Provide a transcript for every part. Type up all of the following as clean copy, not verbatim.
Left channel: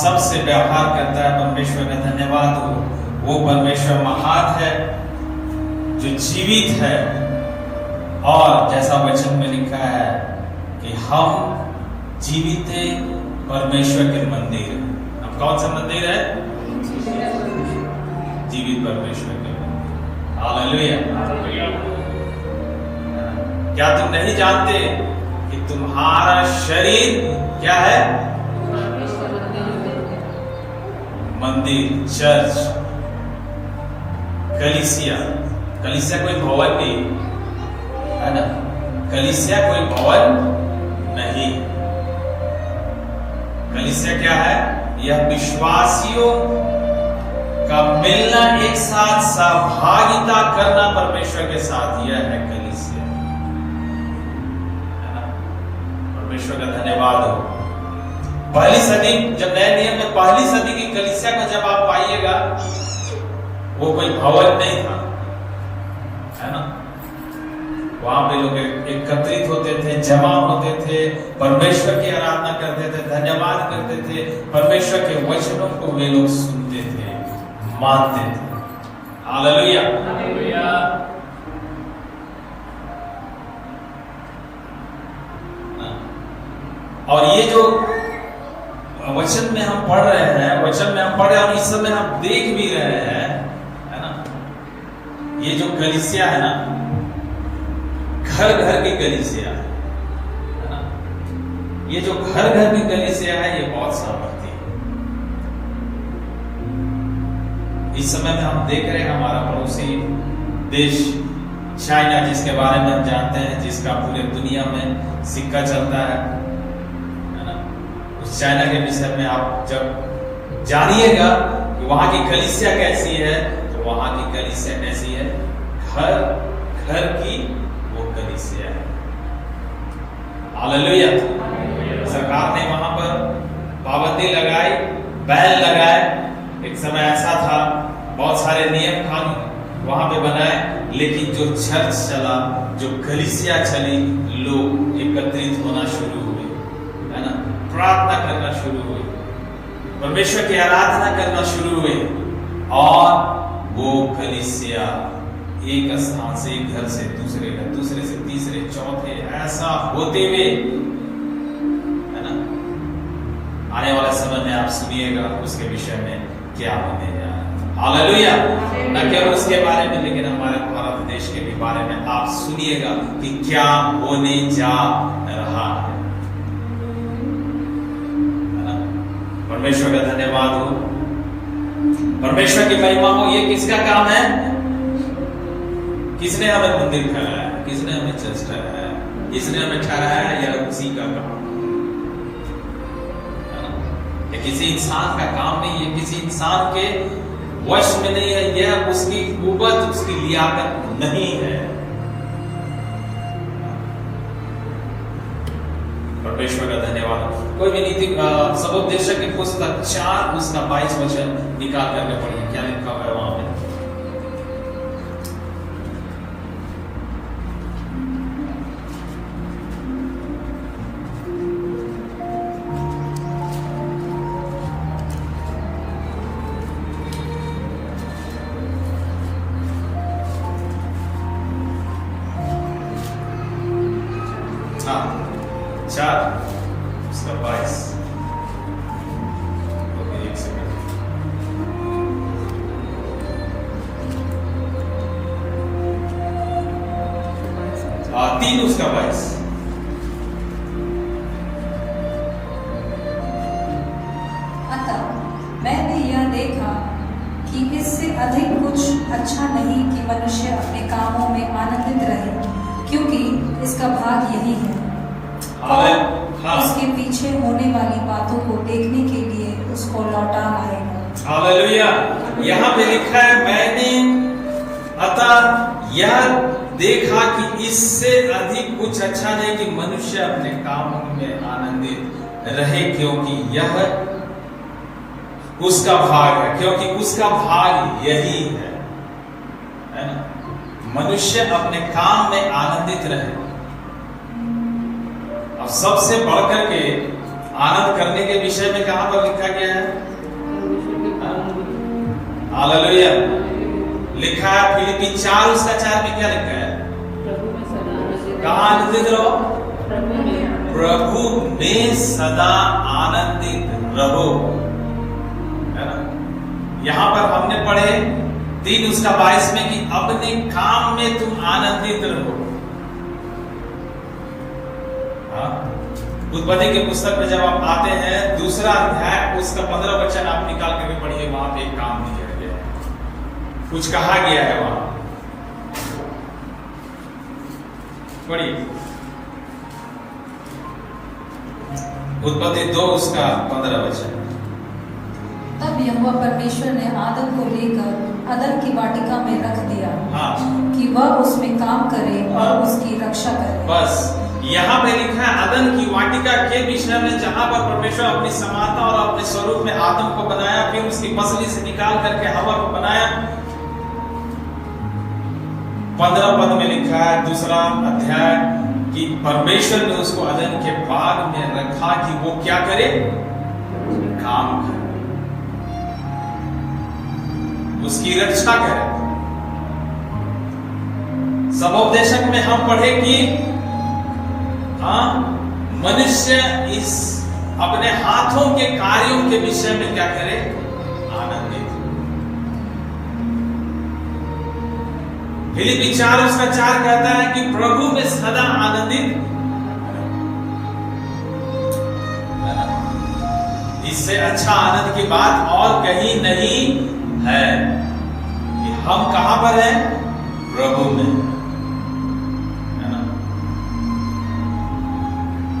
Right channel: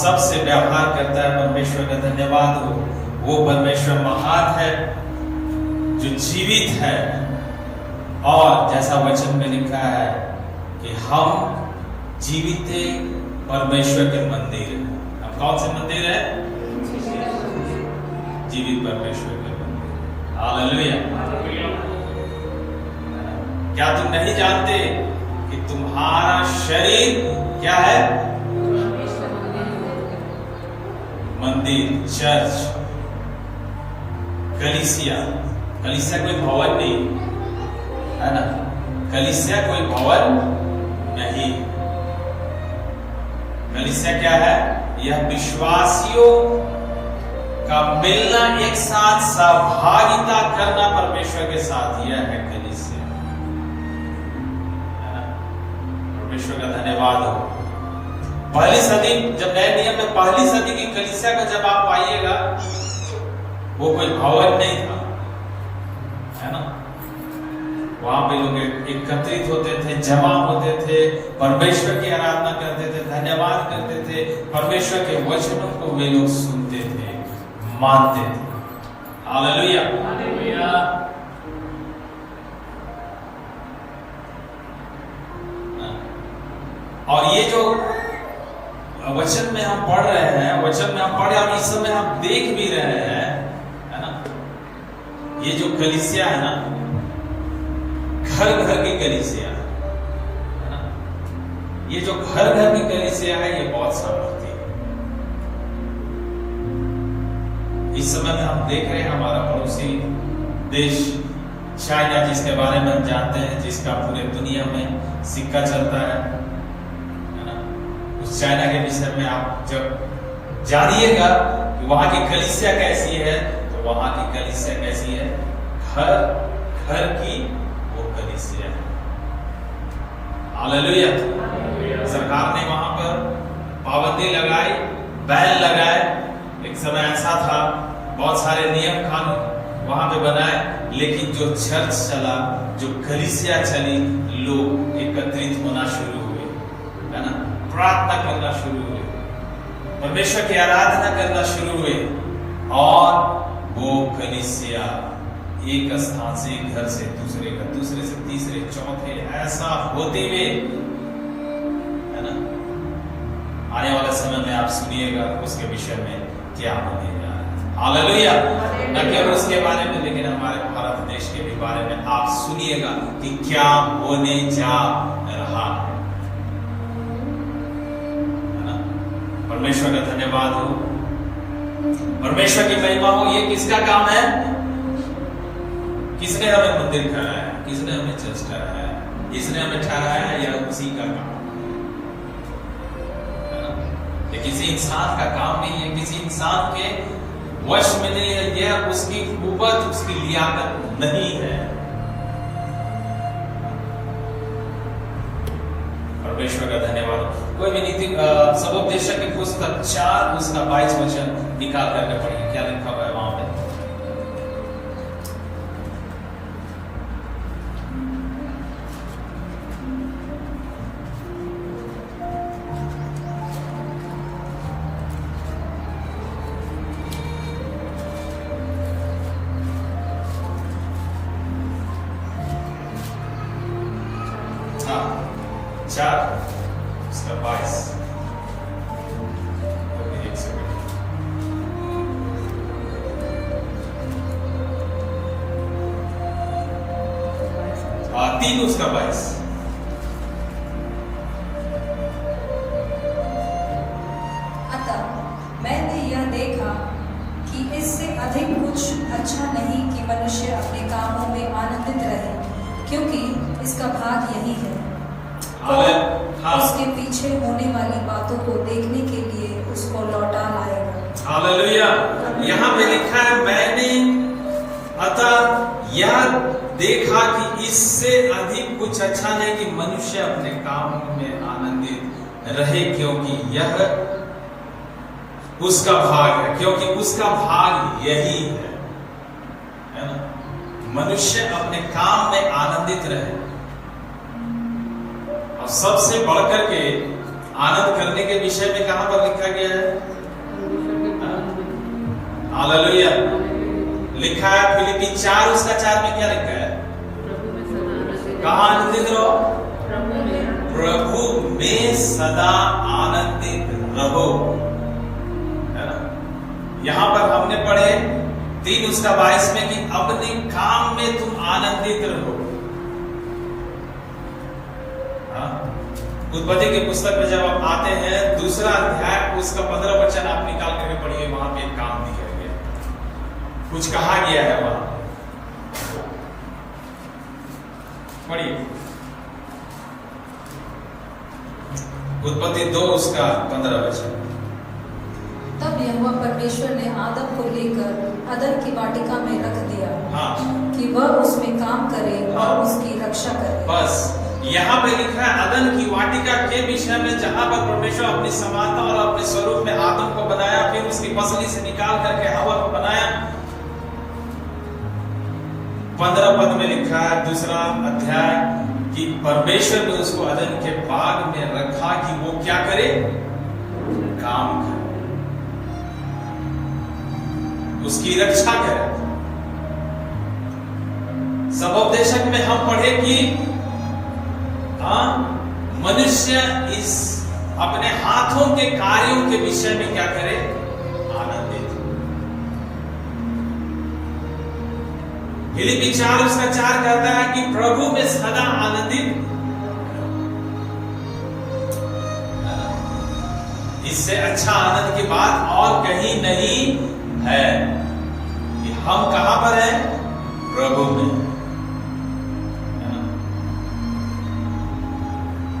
सबसे व्यवहार करता है। परमेश्वर का धन्यवाद हो। वो परमेश्वर महान है जो जीवित है, और जैसा वचन में लिखा है कि हम जीवित परमेश्वर के मंदिर है। अब कौन सा मंदिर है? जीवित परमेश्वर के मंदिर। हालेलुया। क्या तुम नहीं जानते कि तुम्हारा शरीर क्या है? मंदिर, चर्च, कलीसिया। कलीसिया कोई भवन नहीं है ना, कलीसिया कोई भवन नहीं। कलीसिया क्या है? यह विश्वासियों का मिलना, एक साथ सहभागिता करना परमेश्वर के साथ, यह है कलीसिया, है ना। परमेश्वर का धन्यवाद हो। पहली सदी, जब नए नियम में पहली सदी की कलीसिया का जब आप पाइएगा, वो कोई भवन नहीं था, है ना। वहां पे लोग एकत्रित होते थे, जमा होते थे, परमेश्वर की आराधना करते थे, धन्यवाद करते थे, परमेश्वर के वचनों को वे लोग सुनते थे, मानते थे। हालेलुया। और ये जो वचन में हम पढ़ रहे हैं, वचन में हम पढ़ रहे हैं, इस समय हम देख भी रहे हैं, है ना। ये जो कलीसिया है ना, घर घर की कलीसिया है ना। ये जो घर घर की कलीसिया है, ये बहुत सामर्थ्य है। इस समय में हम देख रहे हैं हमारा पड़ोसी देश चाइना, जिसके बारे में हम जानते हैं, जिसका पूरे दुनिया में सिक्का चलता है ना। उस चाइना के विषय में आप जब जानिएगा कि वहां की कलीसिया कैसी है, तो वहां की कलीसिया कैसी है? घर घर की कलीसिया है। हालेलुया। सरकार ने वहां पर पाबंदी लगाई, बैन लगाए। एक समय ऐसा था, बहुत सारे नियम कानून वहां पे बनाए, लेकिन जो चर्च चला, जो कलीसिया चली, लोग एकत्रित होना शुरू हुए, है ना, प्रार्थना करना शुरू हुए, परमेश्वर की आराधना करना शुरू हुए, और वो कलीसिया एक स्थान से, एक घर से दूसरे घर, दूसरे से तीसरे, चौथे, ऐसा होते हुए, है ना, आने वाले समय में आप सुनिएगा उसके विषय में क्या होने जा रहा है। हालेलुया। न केवल उसके बारे में, लेकिन हमारे भारत देश के भी बारे में आप सुनिएगा कि क्या होने जा रहा है ना। परमेश्वर का धन्यवाद हो, परमेश्वर की महिमा हो। ये किसका काम है? किसने हमें मंदिर ठहराया? किसने हमें चर्च ठहराया? किसने हमें ठहराया? यह उसी का काम है ना। ये किसी इंसान का काम नहीं है, किसी इंसान के वश में नहीं है, यह उसकी कुव्वत, उसकी लियाकत नहीं है। परमेश्वर का धन्यवाद। कोई भी नीति सदोपदेशक की पुस्तक 4 उसका 22 वचन निकाल करके पढ़िए, क्या लिखा हुआ है वहां पे? उसका 22। एक सेकंड। 3 उसका 22। अतः मैंने यह देखा कि इससे अधिक कुछ अच्छा नहीं कि मनुष्य अपने कामों में आनंदित रहे, क्योंकि इसका भाग यही है। उसके पीछे होने वाली बातों को देखने के लिए उसको लौटा लाएगा। हालेलुया। यहाँ पे लिखा है, मैंने अतः यह देखा कि इससे अधिक कुछ अच्छा नहीं कि मनुष्य अपने कामों में आनंदित रहे, क्योंकि यह उसका भाग है, क्योंकि उसका भाग यही है ना। मनुष्य अपने काम में आनंदित रहे। और सबसे बढ़कर के आनंद करने के विषय में कहां पर लिखा गया है? हालेलुया। लिखा है फिलिपी 4 उसका 4 में क्या लिखा है? कहां आनंदित रहो? प्रभु में सदा आनंदित रहो, है ना। यहां पर हमने पढ़े 3 उसका 22 में कि अपने काम में तुम आनंदित रहो। उत्पत्ति के पुस्तक में जब आप आते हैं 2 अध्याय उसका 15 वचन आप निकाल करके पढ़िए, वहां पे एक काम दिया गया, कुछ कहा गया है वहां, पढ़िए। उत्पत्ति 2 उसका 15 वचन। तब यहोवा परमेश्वर ने आदम को लेकर अदन की वाटिका में रख दिया, हाँ, कि वह उसमें काम करे और उसकी रक्षा करे। बस यहाँ पे लिखा है अदन की वाटिका के विषय में, जहां पर परमेश्वर अपनी समानता और अपने स्वरूप में आदम को बनाया, फिर उसकी पसली से निकाल करके हवा को बनाया। 15 पद में लिखा है 2 अध्याय कि परमेश्वर ने उसको अदन के बाग में रखा कि वो क्या करे? काम करे, उसकी रक्षा करे। सबोपदेशक में हम पढ़े कि मनुष्य इस अपने हाथों के कार्यों के विषय में क्या करे? आनंदित। फिलिपी 4 उसका 4 कहता है कि प्रभु में सदा आनंदित। इससे अच्छा आनंद की बात और कहीं नहीं है कि हम कहां पर हैं? प्रभु में।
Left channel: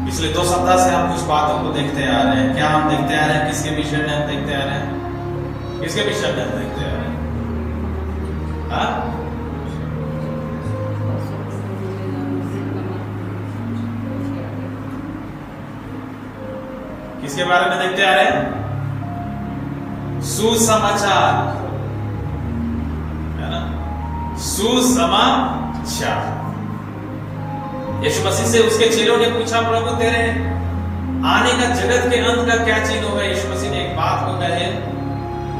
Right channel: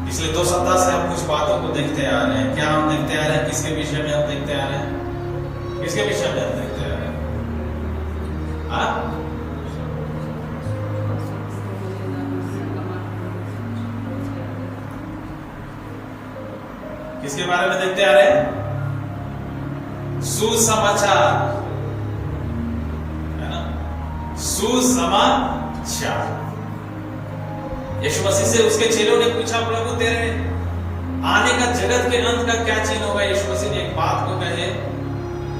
पिछले 2 सप्ताह से हम कुछ बातों को देखते आ रहे हैं। क्या हम देखते आ रहे हैं? किसके विषय में हम देखते आ रहे हैं? किसके विषय में हम देखते आ रहे हैं? किसके बारे में देखते आ रहे हैं? सुसमाचार, है ना, सुसमाचार। यीशु मसीह से उसके चेलों ने पूछा, प्रभु तेरे आने का जगत के अंत का क्या चिन्ह होगा? यीशु मसीह ने एक बात को कहे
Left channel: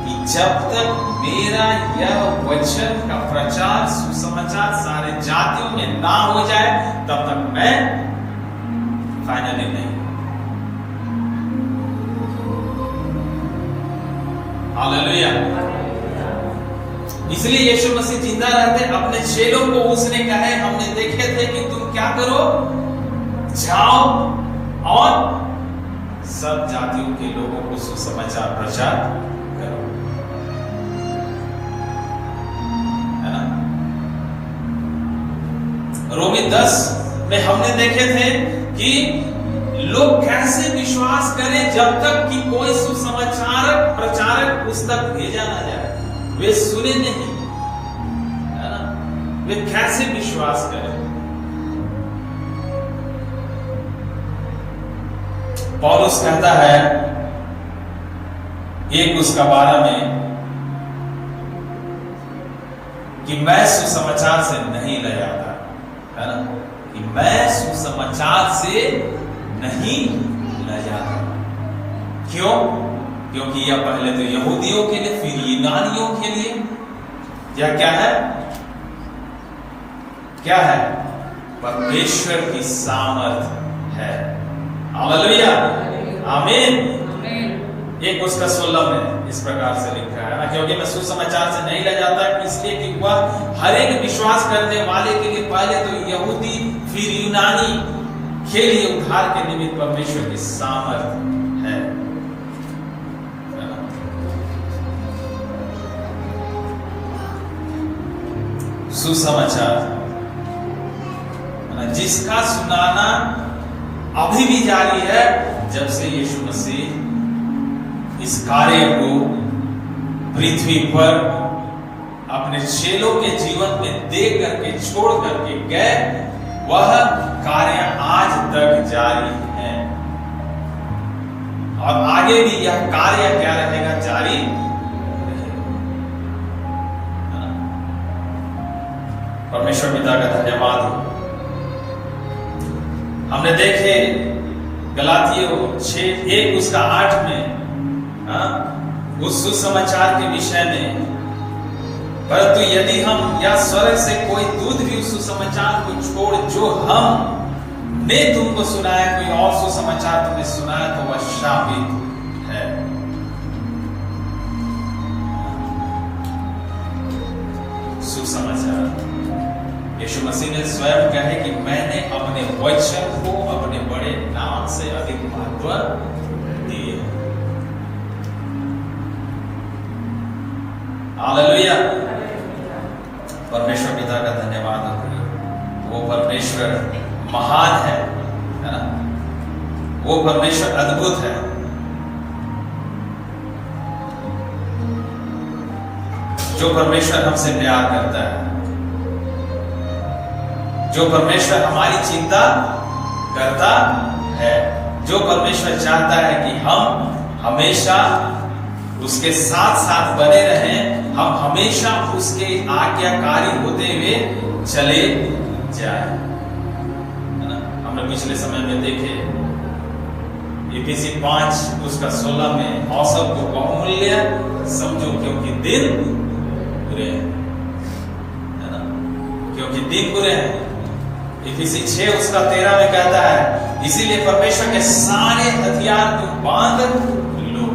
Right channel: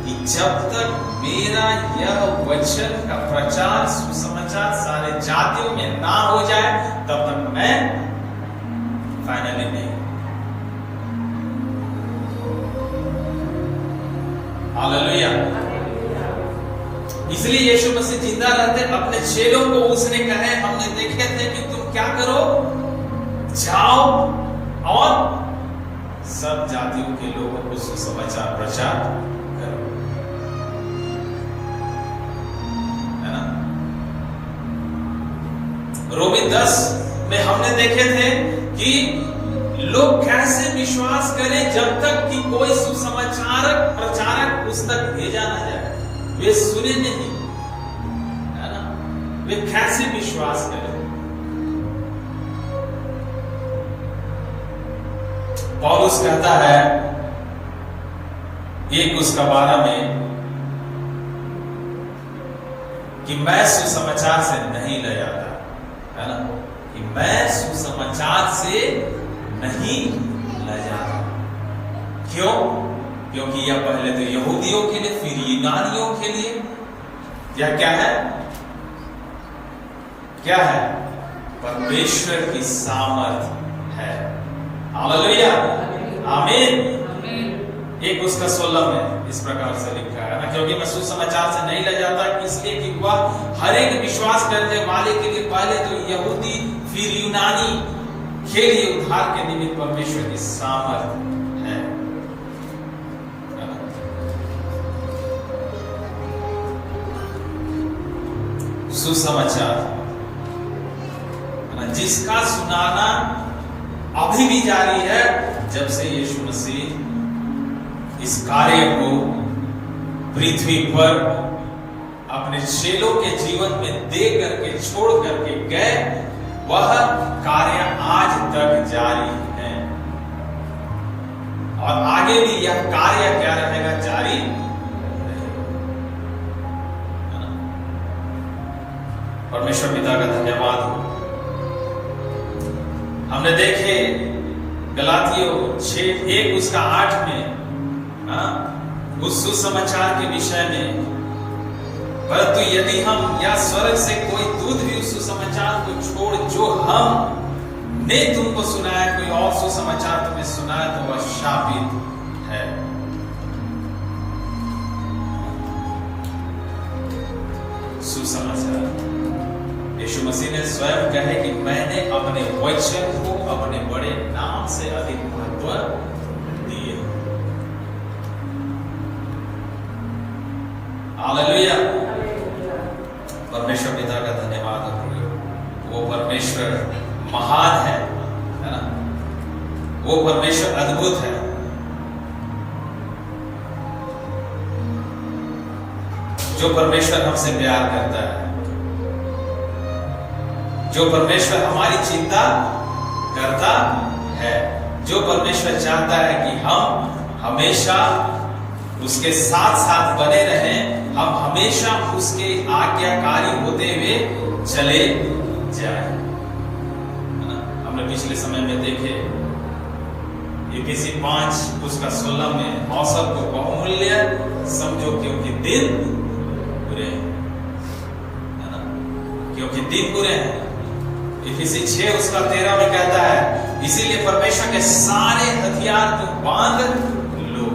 कि जब तक मेरा यह वचन का प्रचार, सुसमाचार सारे जातियों में ना हो जाए तब तक मैं फाइनली नहीं। हालेलुया। इसलिए यीशु मसीह जिंदा रहते अपने चेलों को उसने कहे, हमने देखे थे कि तुम क्या करो? जाओ और सब जातियों के लोगों को सुसमाचार प्रचार करो, है ना। रोमी 10 में हमने देखे थे कि लोग कैसे विश्वास करें जब तक कि कोई सुसमाचारक प्रचारक उस तक भेजा ना जाए, वे सुने नहीं, है ना। वे कैसे विश्वास करें? पौलुस कहता है 1 उसका 12 में कि मैं सुसमाचार से नहीं ले जाता, है ना, कि मैं सुसमाचार से नहीं ले जाता। क्यों? क्योंकि यह पहले तो यहूदियों के लिए, फिर यूनानियों के लिए, यह क्या है? क्या है? परमेश्वर की सामर्थ है। हालेलुया, आमीन। 1 उसका 16 में इस प्रकार से लिखा है ना, क्योंकि मैं सुसमाचार से नहीं ले जाता इसलिए कि वह हर एक विश्वास करने वाले के लिए पहले तो यहूदी फिर यूनानी के लिए उद्धार के निमित्त परमेश्वर की सामर्थ है। सुसमाचार जिसका सुनाना अभी भी जारी है, जब से यीशु मसीह इस कार्य को पृथ्वी पर अपने चेलों के जीवन में दे करके छोड़ करके गए, वह कार्य आज तक जारी है और आगे भी यह कार्य क्या रहेगा? जारी रहेगा। परमेश्वर पिता का धन्यवाद हो। हमने देखे गलातियों 6:1 उसका 8 में उस सुसमाचार के विषय में, परंतु यदि हम या स्वर्ग से कोई दूत भी उस सुसमाचार को छोड़ जो हम ने तुमको सुनाया, कोई और सुसमाचार तुम्हें सुनाया, तो वह शापित है। सुसमाचार यीशु मसीह ने स्वयं कहे कि मैंने अपने वचन को अपने बड़े नाम से अधिक महत्व दिए। हालेलुया। परमेश्वर पिता का धन्यवाद हो। वो परमेश्वर महान है ना? वो परमेश्वर अद्भुत है। जो परमेश्वर हमसे प्यार करता है, जो परमेश्वर हमारी चिंता करता है, जो परमेश्वर चाहता है कि हम हमेशा उसके साथ साथ बने रहें, हम हमेशा उसके आज्ञाकारी होते हुए चले जाएं। हमने पिछले समय में देखे इफिसी 5 उसका 16 में अवसर को बहुमूल्य समझो क्योंकि दिन बुरे हैं, है ना? क्योंकि दिन बुरे हैं। इफिसी 6 उसका 13 में कहता है इसीलिए परमेश्वर के सारे हथियार तुम बांध लो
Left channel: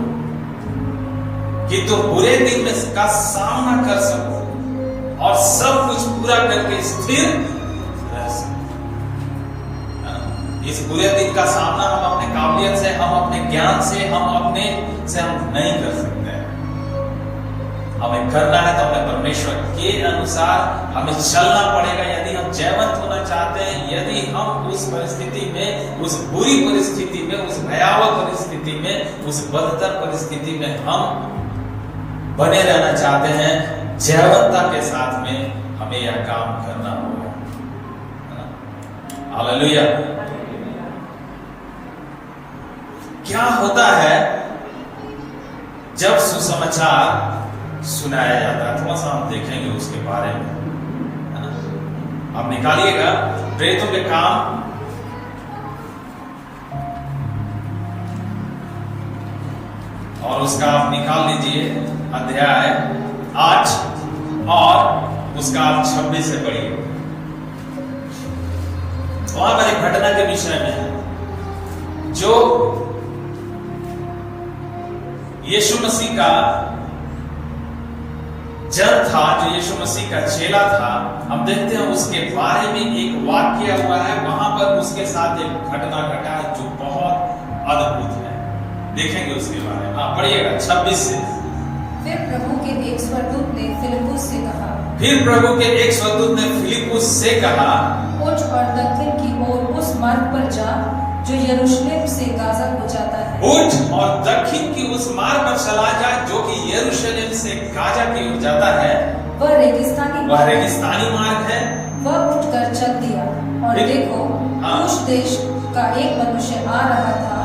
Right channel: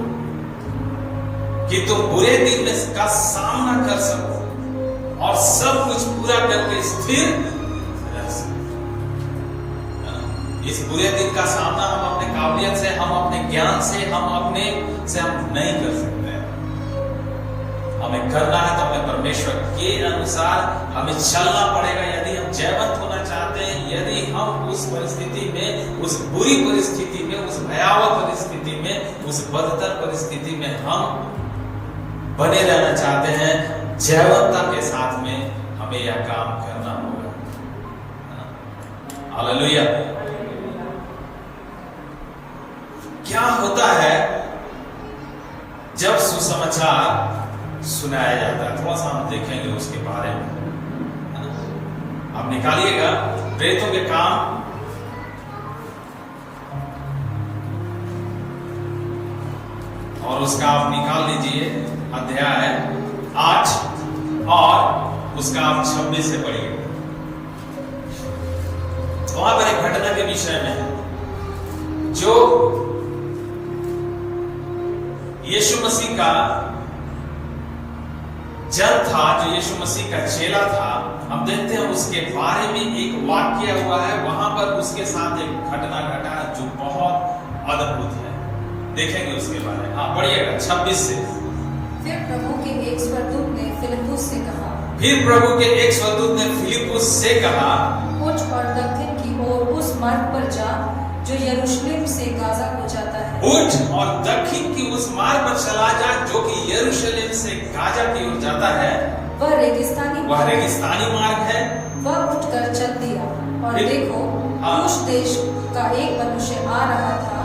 कि तुम बुरे दिन में का सामना कर सको और सब कुछ पूरा करके स्थिर रह सको। इस बुरे दिन का सामना हम अपने काबिलियत से, हम अपने ज्ञान से, हम अपने से हम नहीं कर सकते। हमें करना है तो अपने परमेश्वर के अनुसार हमें चलना पड़ेगा। यदि हम जयवंत होना चाहते हैं, यदि हम उस परिस्थिति में, उस बुरी परिस्थिति में, उस भयावह परिस्थिति में, उस बदतर परिस्थिति में हम बने रहना चाहते हैं, जयवंतता के साथ में हमें यह काम करना होगा। हालेलुया। क्या होता है जब सुसमाचार सुनाया जाता है? थोड़ा सा हम देखेंगे उसके बारे में, है ना? आप निकालिएगा प्रेरितों के काम और उसका आप निकाल लीजिए अध्याय 8 और उसका आप 26 से पढ़िए। वहां पर एक घटना के विषय में है जो यीशु मसीह का जन था, जो यीशु मसीह का चेला था। हम देखते हैं उसके बारे में एक वाक्य हुआ है, वहां पर उसके साथ एक घटना घटा जो बहुत अद्भुत है। देखेंगे उसके बारे में, आप पढ़िएगा 26 से। फिर प्रभु के एक स्वर्गदूत ने फिलिप्पुस से कहा, फिर प्रभु के एक स्वर्गदूत ने फिलिप्पुस से कहा, उठ और दक्षिण की ओर उस मार्ग पर जा जो यरूशलेम से गाजा को जाता है। उठ और दक्षिण की उस मार्ग पर चला जा जो कि यरूशलेम से गाजा की ओर जाता है। वह रेगिस्तानी मार्ग है। वह उठकर चल दिया और देखो कूश देश का एक मनुष्य आ रहा था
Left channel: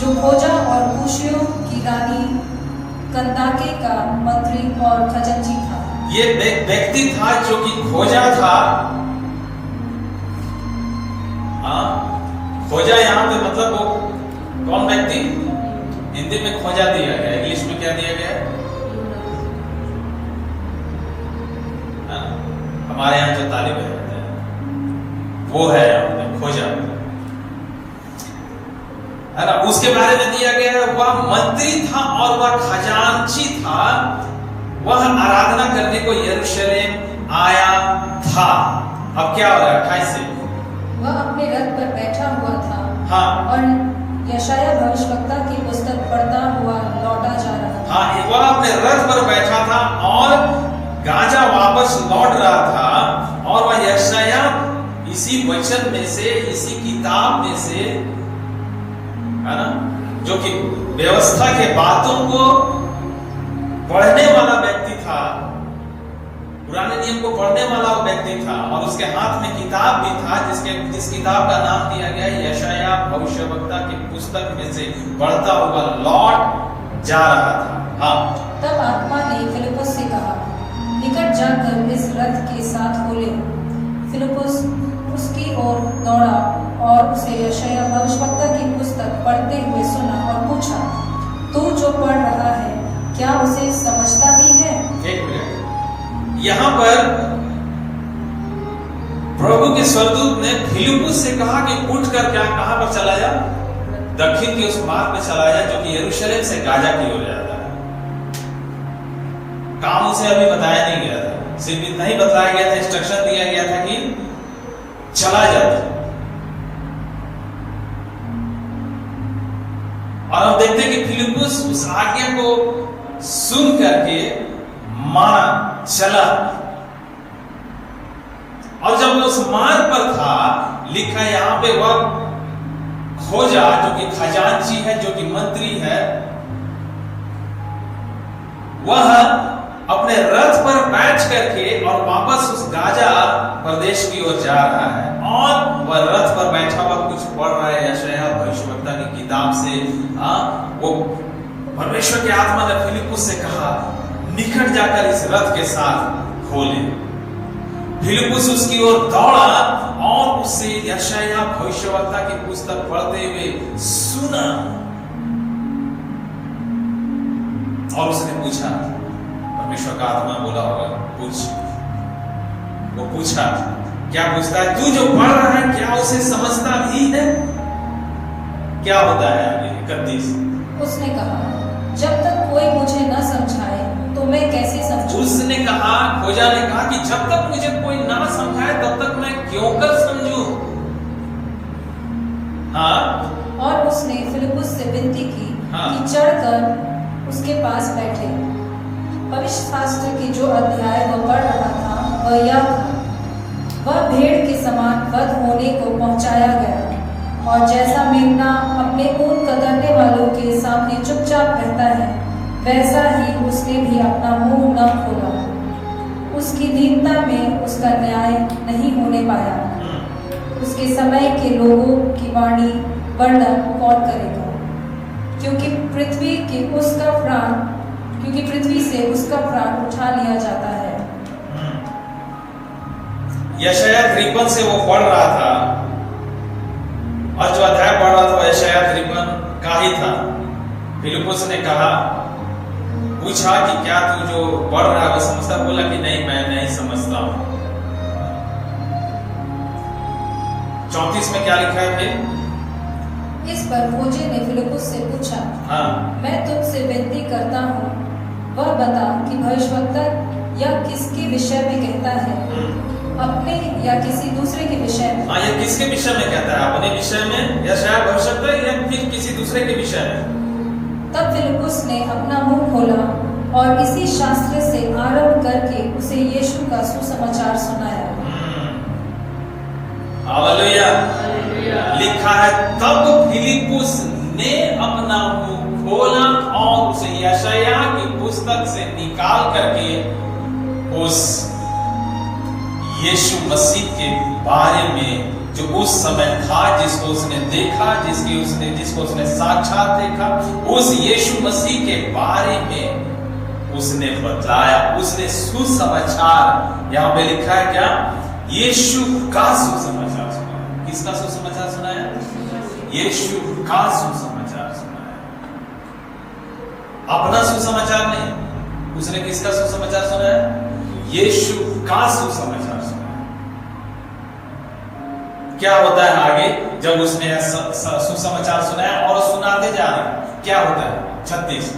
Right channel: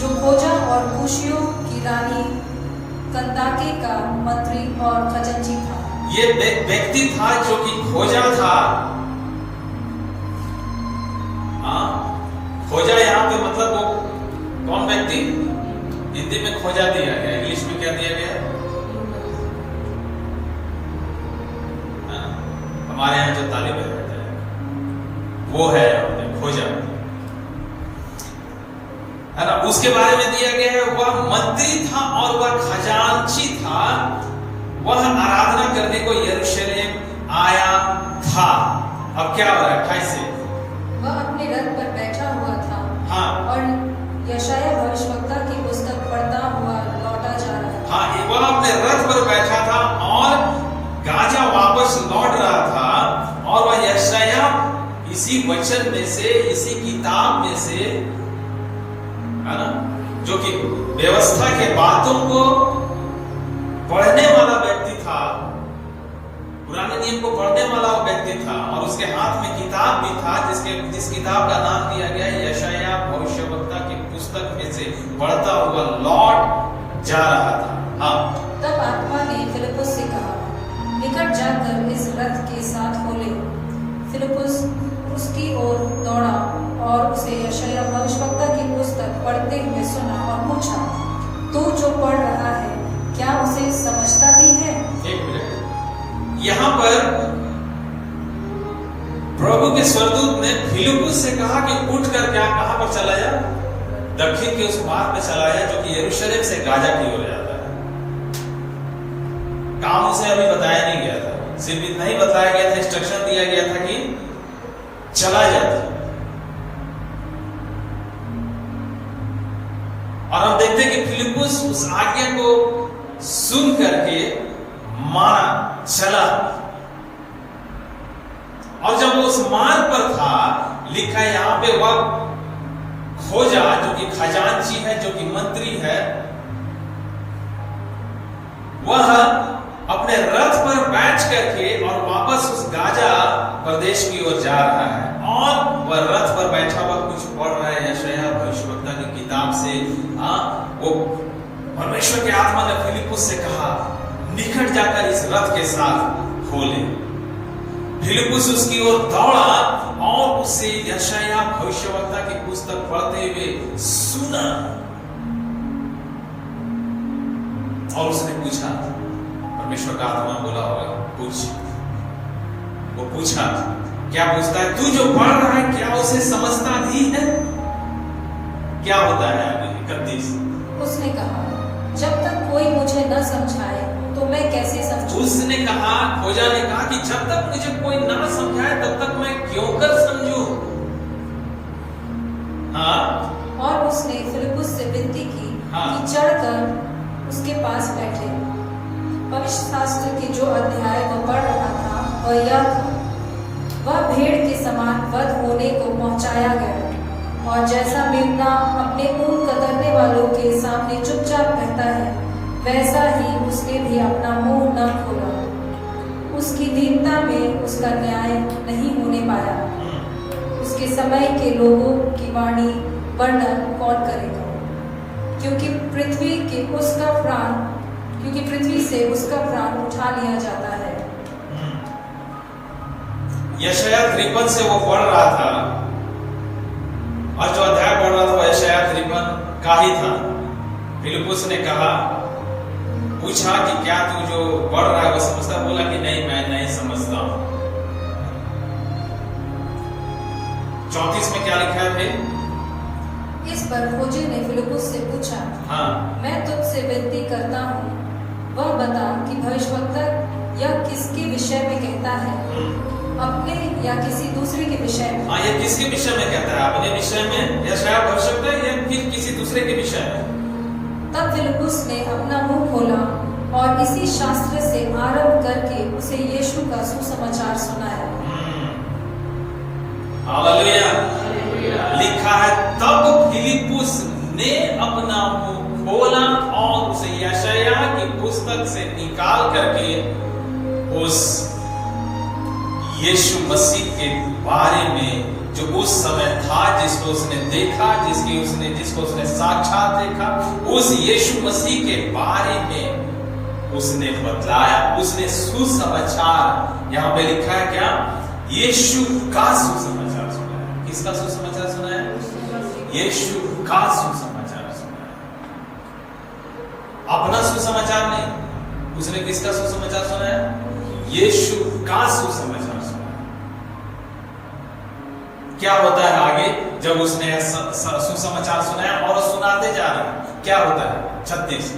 जो खोजा और कूशियों की रानी कंदाके का मंत्री और खजांची था। ये व्यक्ति था जो कि खोजा था। खोजा यहाँ पे मतलब वो कौन व्यक्ति? हिंदी में खोजा दिया गया, इंग्लिश में क्या दिया गया? हमारे यहाँ जो तालिब रहते हैं वो है खोजा, है ना? उसके बारे में दिया गया वह मंत्री था और वह खजांची था। वह आराधना करने को यरूशलेम आया था। अब क्या हो रहा है 28 से? वह अपने रथ पर बैठा हुआ था। हाँ। और यशायाह भविष्यवक्ता की पुस्तक पढ़ता हुआ लौटा जा रहा था। हाँ, वह अपने रथ पर बैठा था और गाजा वापस लौट रहा था और वह यशायाह इसी वचन में से, इसी किताब में से, है ना, जो कि व्यवस्था के बातों को पढ़ने वाला व्यक्ति था, पुराने नियम को पढ़ने वाला वो व्यक्ति था और उसके हाथ में किताब भी था जिस किताब का नाम दिया गया यशायाह भविष्यवक्ता की पुस्तक में से पढ़ता हुआ लौट जा रहा था। हाँ। तब आत्मा ने फिलिप्पुस से कहा, निकट जाकर इस रथ के साथ हो ले। फिलिप्पुस उसकी ओर दौड़ा और उसे यशायाह भविष्यवक्ता की पुस्तक यहां पर प्रभु के स्वर्गदूत ने फिलिप्पुस से कहा कि उठ कर क्या कहां पर चला जा, दक्षिण के उस मार्ग में चला जा जो कि यरूशलेम से गाजा की ओर जाता है। काम उसे अभी बताया नहीं गया था, सिर्फ इतना ही बताया गया था, इंस्ट्रक्शन दिया गया था कि चला जाता। और हम देखते हैं कि फिलिप्पुस उस आज्ञा को सुन करके माना, चला। और जब वो उस मार्ग पर था, लिखा यहां पे वह खोजा जो कि खजांची है, जो कि मंत्री है, वह अपने रथ पर बैठ करके और वापस उस गाजा प्रदेश की ओर जा रहा है। और वह रथ पर बैठा हुआ कुछ पढ़ रहा है यशायाह भविष्यवक्ता की किताब से। वो परमेश्वर की आत्मा ने फिलिप्पुस से कहा, निकट जाकर इस रथ के साथ खोले। फिलिप्पुस उसकी ओर दौड़ा और उससे यशायाह भविष्यवक्ता की पुस्तक पढ़ते हुए सुना। और उसने पूछा, परमेश्वर का आत्मा बोला होगा, पूछ। वो पूछा, क्या पूछता है? तू जो पढ़ रहा है क्या उसे समझता भी है? क्या होता है आगे 31? उसने कहा, जब तक कोई मुझे न समझाए तो मैं कैसे समझूं? उसने कहा, खोजा ने कहा कि जब तक मुझे कोई ना समझाए तब तक मैं क्यों कर समझूं? हाँ। और उसने फिलिप्पुस से विनती की कि चढ़कर उसके पास बैठे। पवित्र शास्त्र की जो अध्याय वो पढ़ रहा था वह यह था, वह भेड़ के समान वध होने को पहुंचाया गया, और जैसा मेमना अपने ऊन कतरने वालों के सामने चुपचाप रहता है, वैसा ही उसने भी अपना मुंह न खोला। उसकी दीनता में उसका न्याय नहीं होने पाया। उसके समय के लोगों की वाणी वर्णन कौन करेगा? क्योंकि पृथ्वी से उसका प्राण उठा लिया जाता है। यशायाह 53 से वो पढ़ रहा था, और जो अध्याय पढ़ रहा था वो यशायाह 53 का ही था। फिलिप्पुस ने कहा, पूछा कि क्या तू जो पढ़ रहा है वो समझता? बोला कि नहीं, मैं नहीं समझता हूं। 34 में क्या लिखा है फिर? इस पर खोजे ने फिलिप्पुस से पूछा, मैं तुझसे विनती करता हूँ, वह बता कि भविष्यवक्ता यह किसके विषय में कहता है, अपने या किसी दूसरे के विषय में? हाँ, यह किसके विषय में कहता है? अपने विषय में या शायद भविष्यवक्ता, या फिर किसी दूसरे के विषय में? तब फिलिप्पुस ने अपना मुंह खोला और इसी शास्त्र से आरंभ करके उसे यीशु का सुसमाचार सुनाया। हालेलुया। लिखा है, तब फिलिप्पुस ने अपना मुंह खोला और उसे यशायाह की पुस्तक से निकाल करके उस यीशु मसीह के बारे में, जो उस समय था, जिसको उसने देखा, जिसको उसने साक्षात देखा, उस यीशु मसीह के बारे में उसने बतलाया। उसने सुसमाचार, यहां पे लिखा है क्या? यीशु का सुसमाचार सुनाया। किसका सुसमाचार सुनाया? यीशु का सुसमाचार सुनाया। अपना सुसमाचार नहीं, उसने किसका सुसमाचार सुनाया? यीशु का सुसमाचार सुनाया। क्या होता है आगे जब उसने सुसमाचार सुनाया और सुनाते जा रहे? क्या होता है? 36।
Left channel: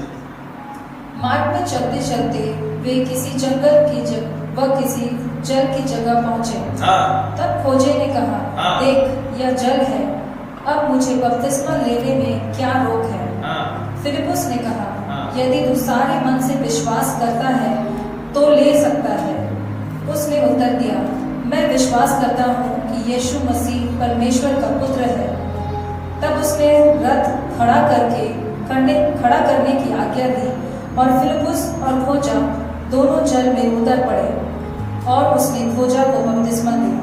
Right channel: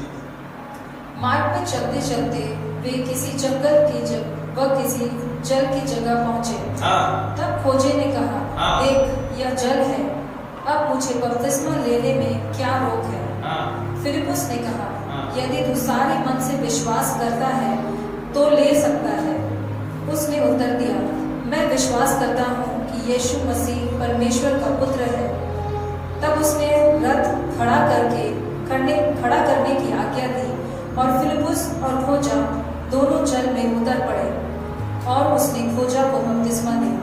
मार्ग में चलते चलते वे किसी जल की जगह पहुंचे। तब खोजे ने कहा, देख यह जल है, अब मुझे बपतिस्मा लेने में क्या रोक है? फिलिप्पुस ने कहा, यदि तू सारे मन से विश्वास करता है तो ले सकता है। उसने उत्तर दिया, मैं विश्वास करता हूँ कि यीशु मसीह परमेश्वर का पुत्र है। तब उसने रथ खड़ा करने की आज्ञा दी, और फिलिप्पुस और खोजा दोनों जल में उतर पड़े, और उसने खोजा को बपतिस्मा दिया।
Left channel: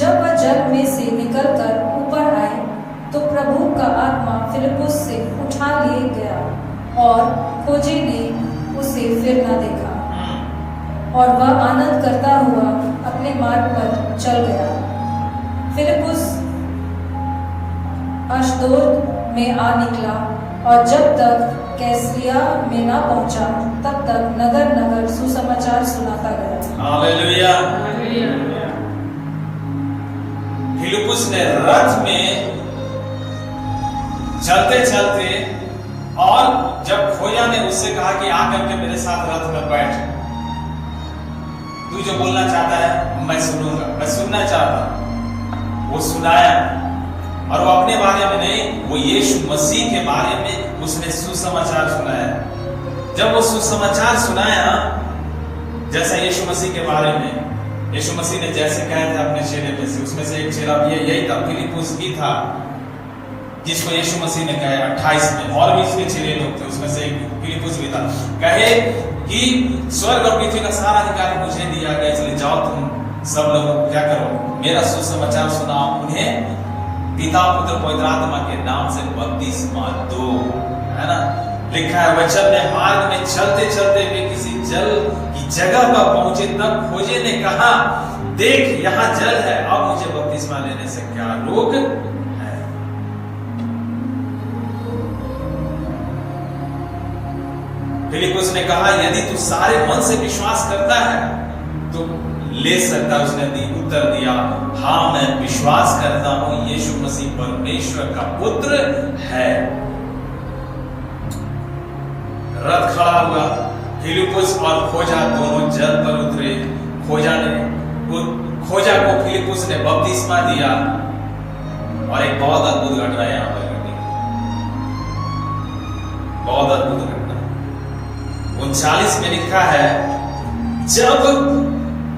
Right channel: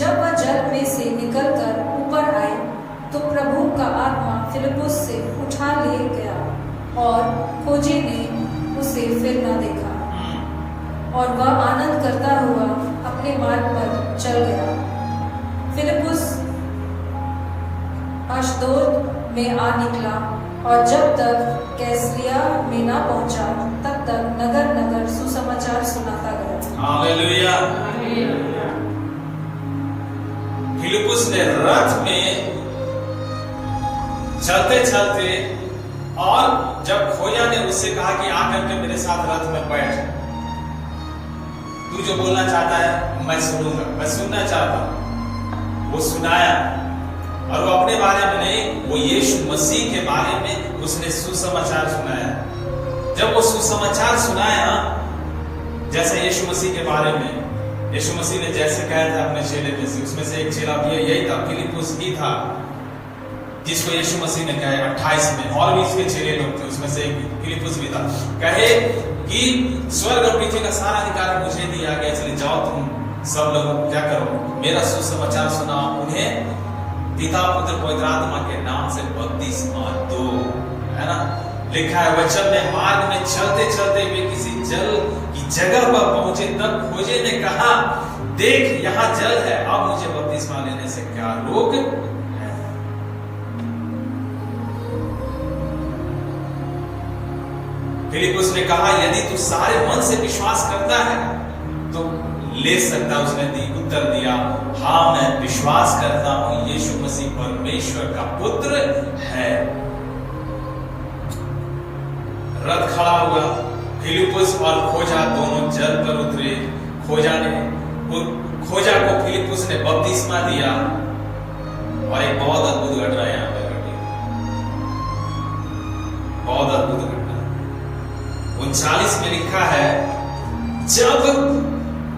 जब वह जल में से निकलकर ऊपर आए तो प्रभु का आत्मा फिलिप्पुस से उठा लिए गया, और खोजे ने उसे फिर न देखा, और वह आनंद करता हुआ अपने मार्ग पर चल गया। फिलिप्पुस अशदोद में आ निकला, और जब तक कैसरिया में न पहुंचा तब तक नगर नगर सुसमाचार सुसमाचार सुनाता गया। हालेलुया। फिलिप्पुस ने रथ में चलते चलते, और जब खोजा ने उससे कहा कि आकर के मेरे साथ रथ में बैठ, तू जो बोलना चाहता है मैं सुनूंगा, मैं सुनना चाहता हूं। वो सुनाया, और वो अपने बारे में नहीं, वो यीशु मसीह के बारे में उसने सुसमाचार सुनाया। जब वो सुसमाचार सुनाया, जैसा यीशु मसीह के बारे में, यीशु मसीह ने जैसे कहा था अपने चेले में से, उसमें से एक चेला भी यही था, फिलिप्पुस ही था, जिसको यीशु मसीह ने कहा 28 में, और भी इसके चेले लोग थे, उसमें से एक फिलिप्पुस भी था। कहे कि स्वर्ग और पृथ्वी का सारा अधिकार मुझे दिया गया, इसलिए जाओ तुम सब लोग क्या करो, मेरा सुसमाचार सुनाओ, उन्हें पिता पुत्र पवित्र आत्मा के नाम से बपतिस्मा दो। है ना, लिखा है वचन में, मार्ग में चलते चलते वे किसी जल की जगह पर पहुंचे, तब खोजे ने कहा, देख यहाँ जल है, अब मुझे बपतिस्मा लेने से क्या रोक है। फिलिप्पुस ने कहा, यदि तू सारे मन से विश्वास करता है तो ले सकता। उसने उत्तर दिया, हाँ मैं विश्वास करता हूं यीशु मसीह परमेश्वर का पुत्र है। रथ खड़ा हुआ, फिलिप्पुस और खोजा दोनों जल पर उतरे। खोजा को फिलिप्पुस ने बपतिस्मा दिया, और एक बहुत अद्भुत घटना यहां पर घटी, बहुत अद्भुत घटना। 39 में लिखा है, जब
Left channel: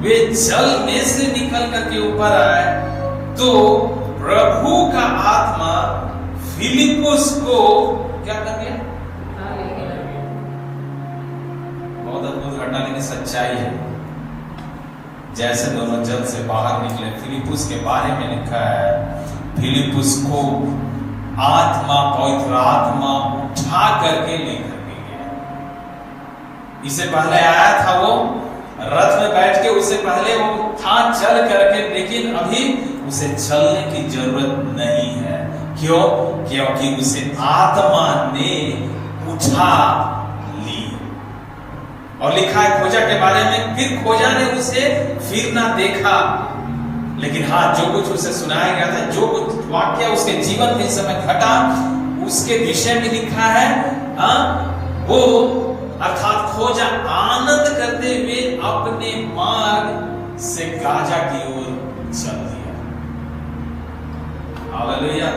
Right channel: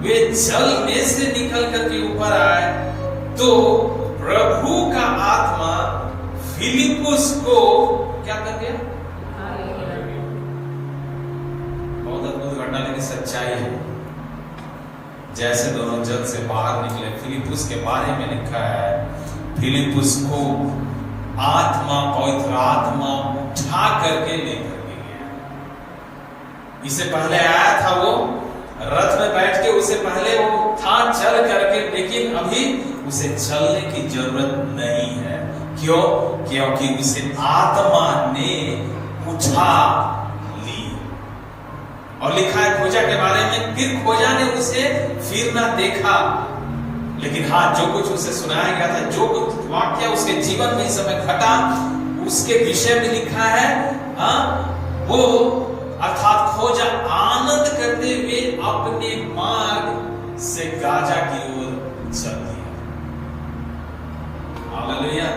वे जल में से निकल करके ऊपर आए तो प्रभु का आत्मा फिलिप्पुस को क्या कर गया? बहुत अद्भुत घटना, लेकिन सच्चाई है। जैसे दोनों जल से बाहर निकले, फिलिप्पुस के बारे में लिखा है, फिलिप्पुस को आत्मा, पवित्र आत्मा उठा करके लेकर के गया। इससे पहले आया था वो रथ में बैठ के, उससे पहले वो था चल करके, लेकिन अभी उसे चलने की जरूरत नहीं है। क्यों? क्योंकि उसे आत्मा ने उठा ली। और लिखा है खोजा के बारे में, फिर खोजा ने उसे फिर ना देखा, लेकिन हाँ जो कुछ उसे सुनाया गया था, जो कुछ वाक्य उसके जीवन में इस समय घटा, उसके विषय में लिखा है। वो अर्थात खोजा आनंद करते हुए अपने मार्ग से गाजा की ओर चल दिया। हालेलुया।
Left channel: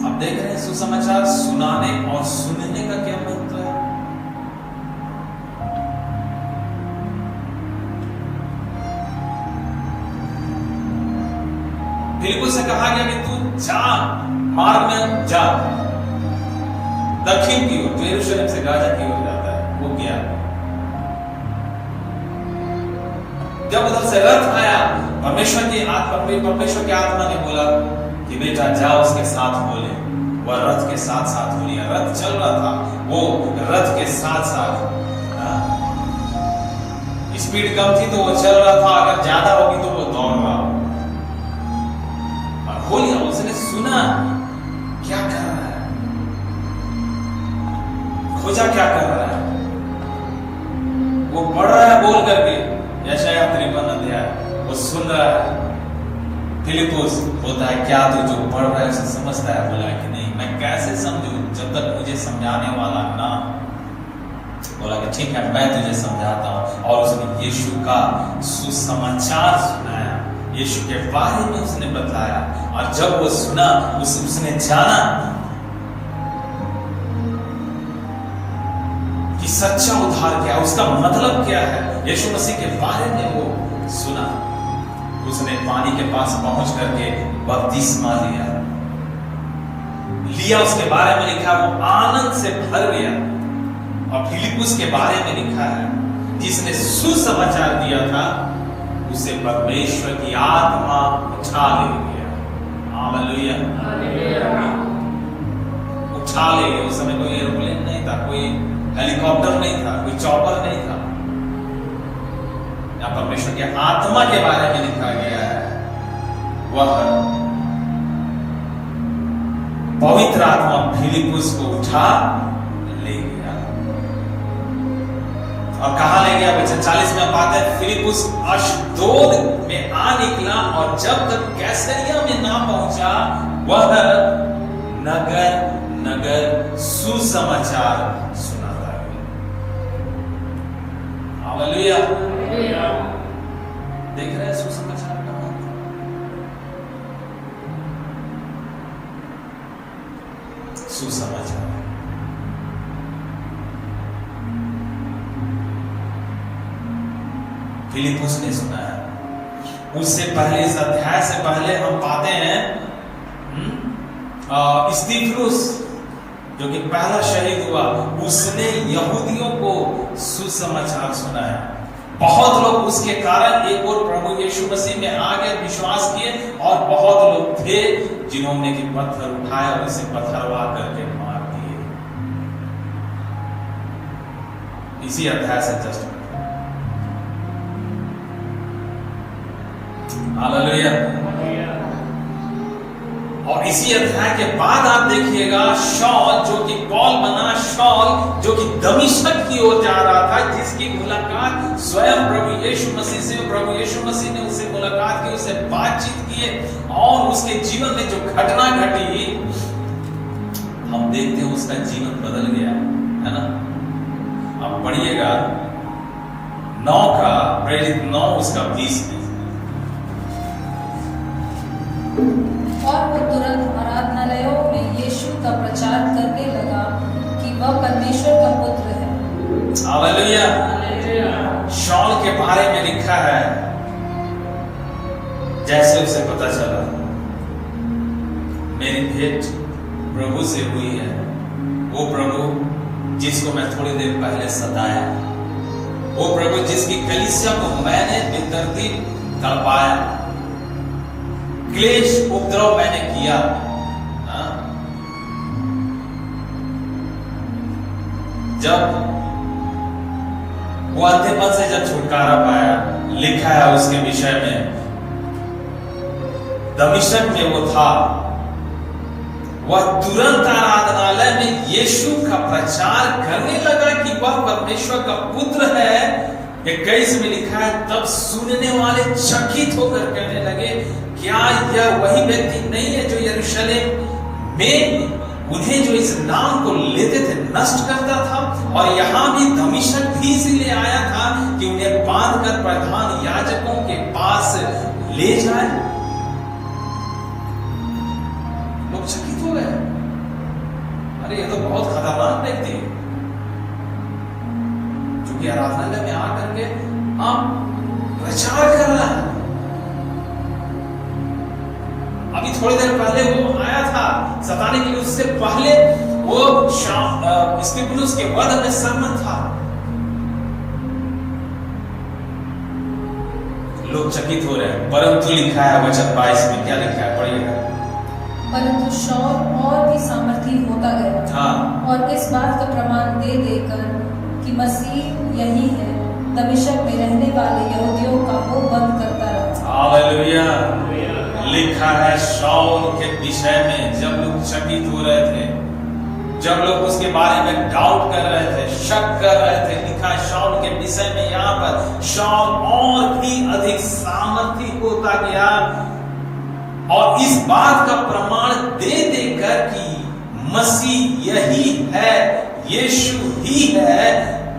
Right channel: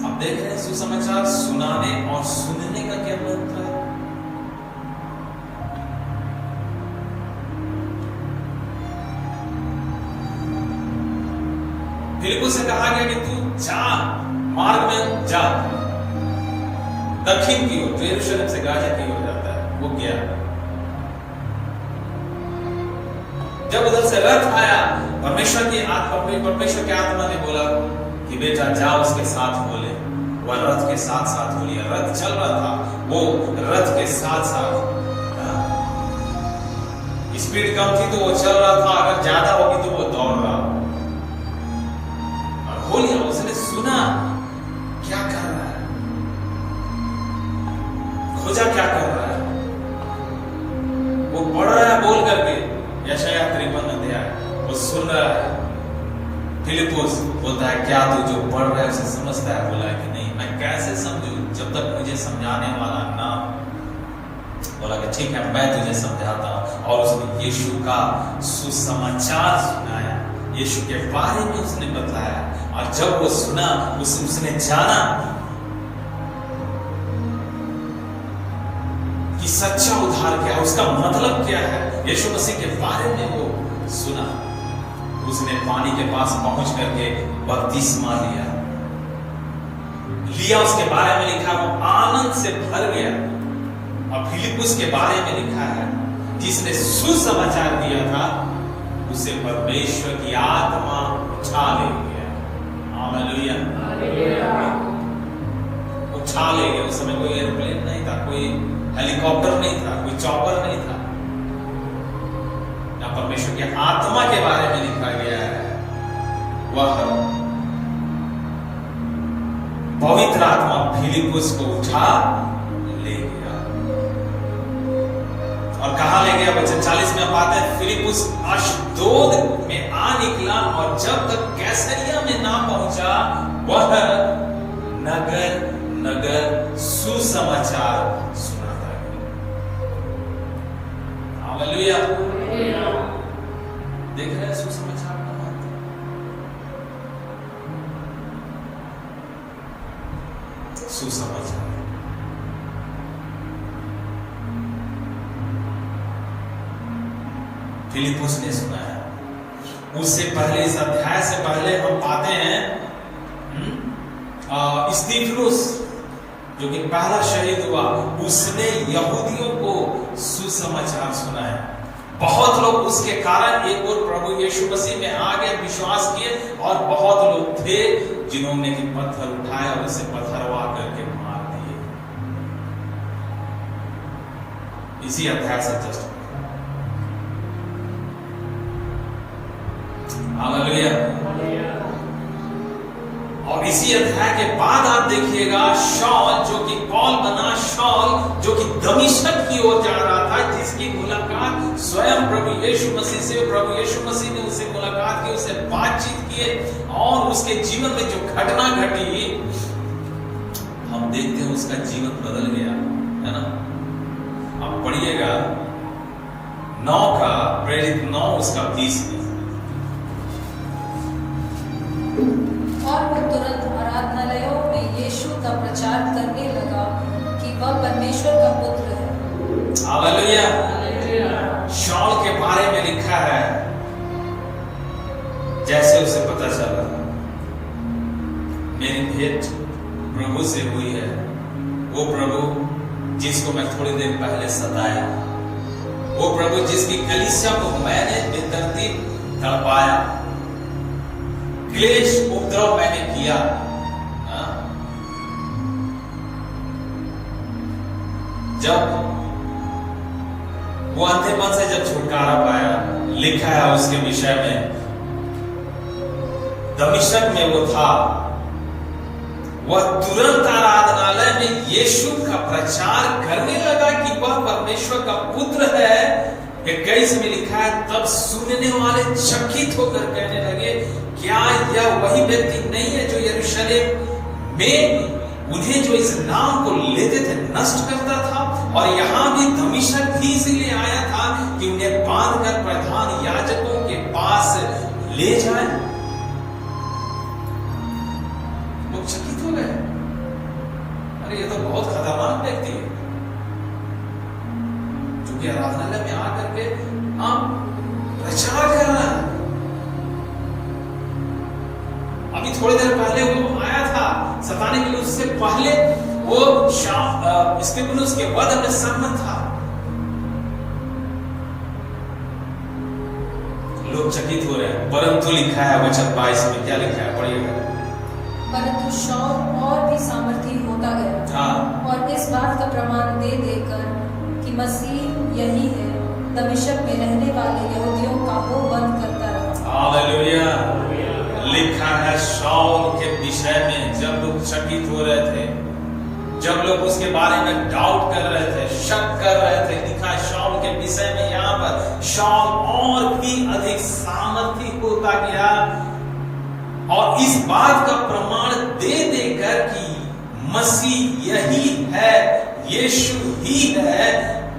अब देख रहे हैं सुसमाचार सुनाने और सुनने का क्या महत्व है। फिलिप्पुस से कहा गया कि तू जा, मार्ग में जा, दक्षिण की ओर, जो यरूशलेम से गाजा की ओर जाता है, वो गया। जब उधर से रथ आया, परमेश्वर के आत्मा ने बोला कि बेटा जाओ उसके साथ बोले। वह रथ के साथ साथ हो लिया, रथ चल रहा था, वो रथ के साथ साथ, स्पीड कम थी तो वो चल रहा था, अगर ज्यादा होगी तो वो दौड़ रहा, और हो लिया। उसने सुना क्या कर रहा है, खोजा क्या कर रहा है, वो पढ़ रहा है बोल करके, यशायाह 53 अध्याय वो सुन रहा है। फिलिप्पुस बोलता है, क्या तू जो पढ़ रहा है उसे समझता है? बोला कि नहीं, मैं कैसे समझूं जब तक मुझे समझाने वाला ना। बोला कि ठीक है, मैं तुझे समझाता हूं। और उसने यीशु का सुसमाचार सुनाया, यीशु के बारे में उसने बताया, और जब वो सुना उसने जाना कि सच्चा उद्धार क्या है, उसका मतलब क्या है। यीशु मसीह के बारे में वो सुना, उसने पानी के पास पहुंच करके बपतिस्मा लिया। उसके बारे में लिखा, वो आनंद से भर गया। और फिलिप्पुस के बारे में लिखा है, जिसने सुसमाचार दिया था उसे परमेश्वर की आत्मा उठा ले गया। हालेलुया, उठा ले गया। उस समय कोई एरोप्लेन नहीं था, कोई हेलीकॉप्टर नहीं था, कोई चॉपर नहीं था। यहाँ परमेश्वर की आत्मा के बारे में लिखा गया है, वह पवित्र आत्मा फिलिप्पुस को उठा ले गया। और कहां ले गया? वचन 40 में पाते हैं फिलिपुस अशदोद में आ निकला और जब तक कैसरिया में ना पहुंचा वह नगर नगर सुसमाचार सुनाता गया। हालेलुया। देख रहे हैं सुसमाचार का अर्थ? सुसमाचार फिलिपुस ने सुना है। उससे पहले, इस अध्याय से पहले हम पाते हैं स्तिफनुस जो कि पहला शहीद हुआ, उसने यहूदियों को सुसमाचार सुनाया। बहुत लोग उसके कारण एक और प्रभु यीशु मसीह में आगे विश्वास किए और बहुत लोग थे जिन्होंने कि पत्थर उठाए और उसे पत्थरवा करके मार दिए। इसी अध्याय से जस्ट हालेलुया। और इसी अध्याय के बाद आप देखिएगा शौल जो कि पौल बना, शौल जो कि दमिश्क की ओर जा रहा था, जिसकी मुलाकात स्वयं प्रभु यीशु मसीह से, प्रभु यीशु मसीह ने उससे मुलाकात की, उससे बातचीत की और उसके जीवन में जो घटना घटी हम देखते हैं उसका जीवन बदल गया, है ना। अब पढ़िएगा 9 का प्रेरित 9 उसका 20 में। और वो तुरंत आराधनालयों में यीशु का प्रचार करने लगा कि वह परमेश्वर का पुत्र है। हालेलुया। शौल के बारे में लिखा है, जैसे उसे पता चला मेरी भेंट प्रभु से हुई है, वो प्रभु जिसको मैं थोड़ी देर पहले सताया, वो प्रभु जिसकी कलीसिया को मैंने बेतरतीब तड़पाया, क्लेश उपद्रव मैंने किया, जब वो अंधेपन से जब छुटकारा पाया, लिखा है उसके विषय में, दमिश्क में वो था, वह तुरंत आराधनालय में यीशु का प्रचार करने लगा कि वह परमेश्वर का पुत्र है। 21 में लिखा है, तब सुनने वाले चकित होकर कहने लगे, क्या यह वही व्यक्ति नहीं है जो यरूशलेम में उन्हें जो इस नाम को लेते थे नष्ट करता था, और यहां भी दमिश्क भी इसीलिए आया था कि उन्हें बांधकर प्रधान याजकों के पास ले जाए। लोग चकित हो गए, अरे ये तो बहुत खतरनाक व्यक्ति है जो कि आराधनालय में आकर के आप प्रचार कर रहा है। अभी थोड़ी देर पहले वो आया था सताने के लिए, उससे पहले वो स्तिफनुस के वध में सहमत था। लोग चकित हो रहे हैं, परंतु लिखा है वचन 22 में, क्या लिखा है पढ़िएगा। परंतु शौल और भी सामर्थी होता गया, और इस बात का प्रमाण दे देकर कि मसीह यही है, दमिश्क में रहने वाले यहूदियों का मुंह बंद करता रहा। हालेलुया। लिखा है शाऊल के विषय में, जब लोग चकित हो रहे थे, जब लोग उसके बारे में डाउट कर रहे थे, शक कर रहे थे, लिखा है शाऊल के विषय में यहाँ पर शाऊल और भी अधिक सामर्थी होता गया, और इस बात का प्रमाण दे देकर कि मसीह यही है, यीशु ही है,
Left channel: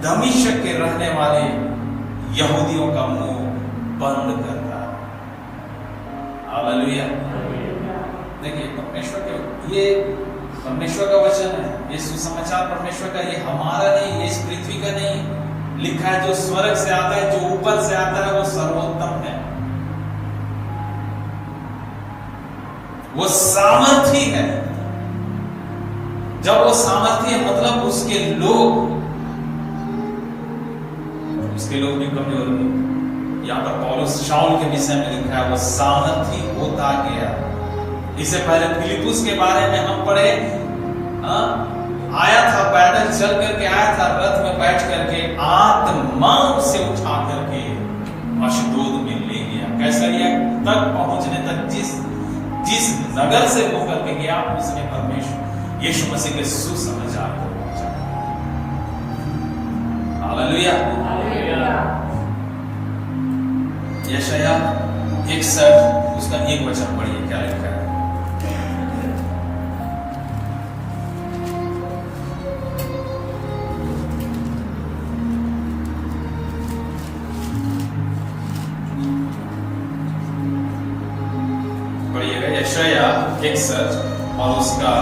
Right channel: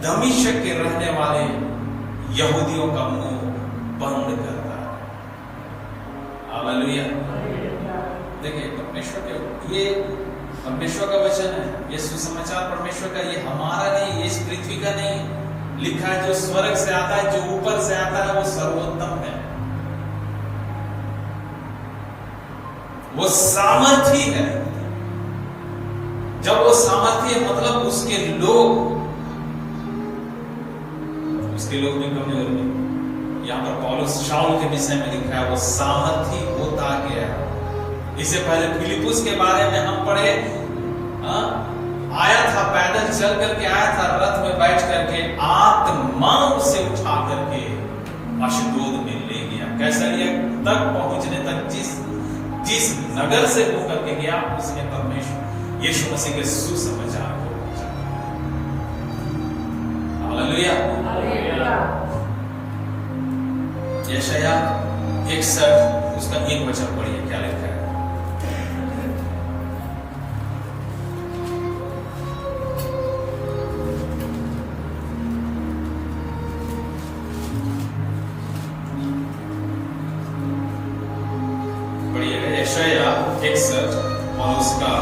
दमिश्क के रहने वाले यहूदियों का मुंह बंद करता। हालेलुया। देखिए परमेश्वर के, ये परमेश्वर का वचन है, ये सुसमाचार परमेश्वर का, ये हमारा नहीं, ये इस पृथ्वी का नहीं। लिखा है जो स्वर्ग से आता है, जो ऊपर से आता है, वो सर्वोत्तम है, वो सामर्थी है। जब वो सामर्थी है मतलब उसके लोग भी कमजोर नहीं। यहां पर पौलुस शाऊल के विषय में लिखा है वो सामर्थी होता गया। इससे पहले फिलिपुस के बारे में हम पढ़े, आया था पैदल चल करके आया था, रथ में बैठ करके आत्मा उसे उठा करके अशदोद में ले गया। कैसा लिया? तक पहुंचने तक जिस नगर से होकर के गया, उसने परमेश्वर यीशु मसीह के सुसमाचार को पहुंचा। हालेलुया। यशाया 61 उसका 1 वचन पढ़िए, क्या लिखा है। पढ़िएगा यशाया 61 और उसका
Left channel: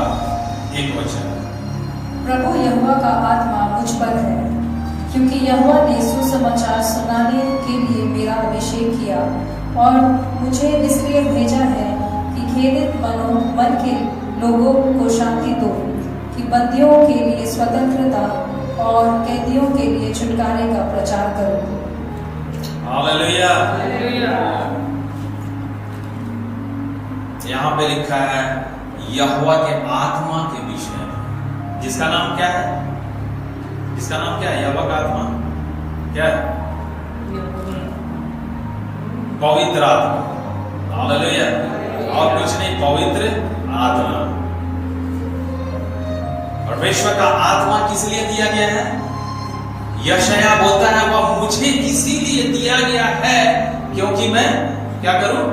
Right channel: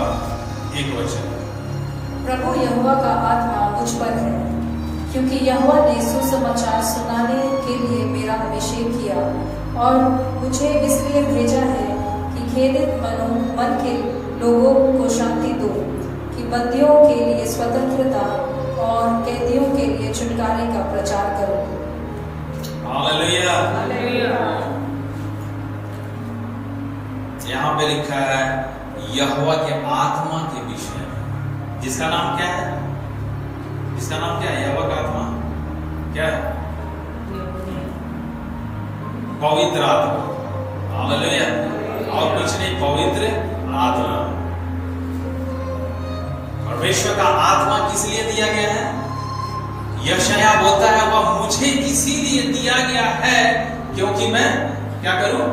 1 वचन। प्रभु यहोवा का आत्मा मुझ पर है, क्योंकि यहोवा ने सुसमाचार सुनाने के लिए मेरा अभिषेक किया और मुझे इसलिए भेजा है कि खेदित मन के लोगों को शांति दो, कि बंदियों के लिए स्वतंत्रता और कैदियों के लिए छुटकारे का प्रचार करो। हालेलुया। यहाँ पे लिखा है यहोवा के आत्मा के विषय में, जिसका नाम क्या है, जिसका नाम क्या है, यहोवा का आत्मा क्या है, पवित्र आत्मा। हालेलुया। और कुछ नहीं, पवित्र आत्मा। परमेश्वर का आत्मा किस लिए दिया गया है? यशाया बोलता है वह मुझे इसीलिए दिया गया है क्योंकि मैं क्या करूं,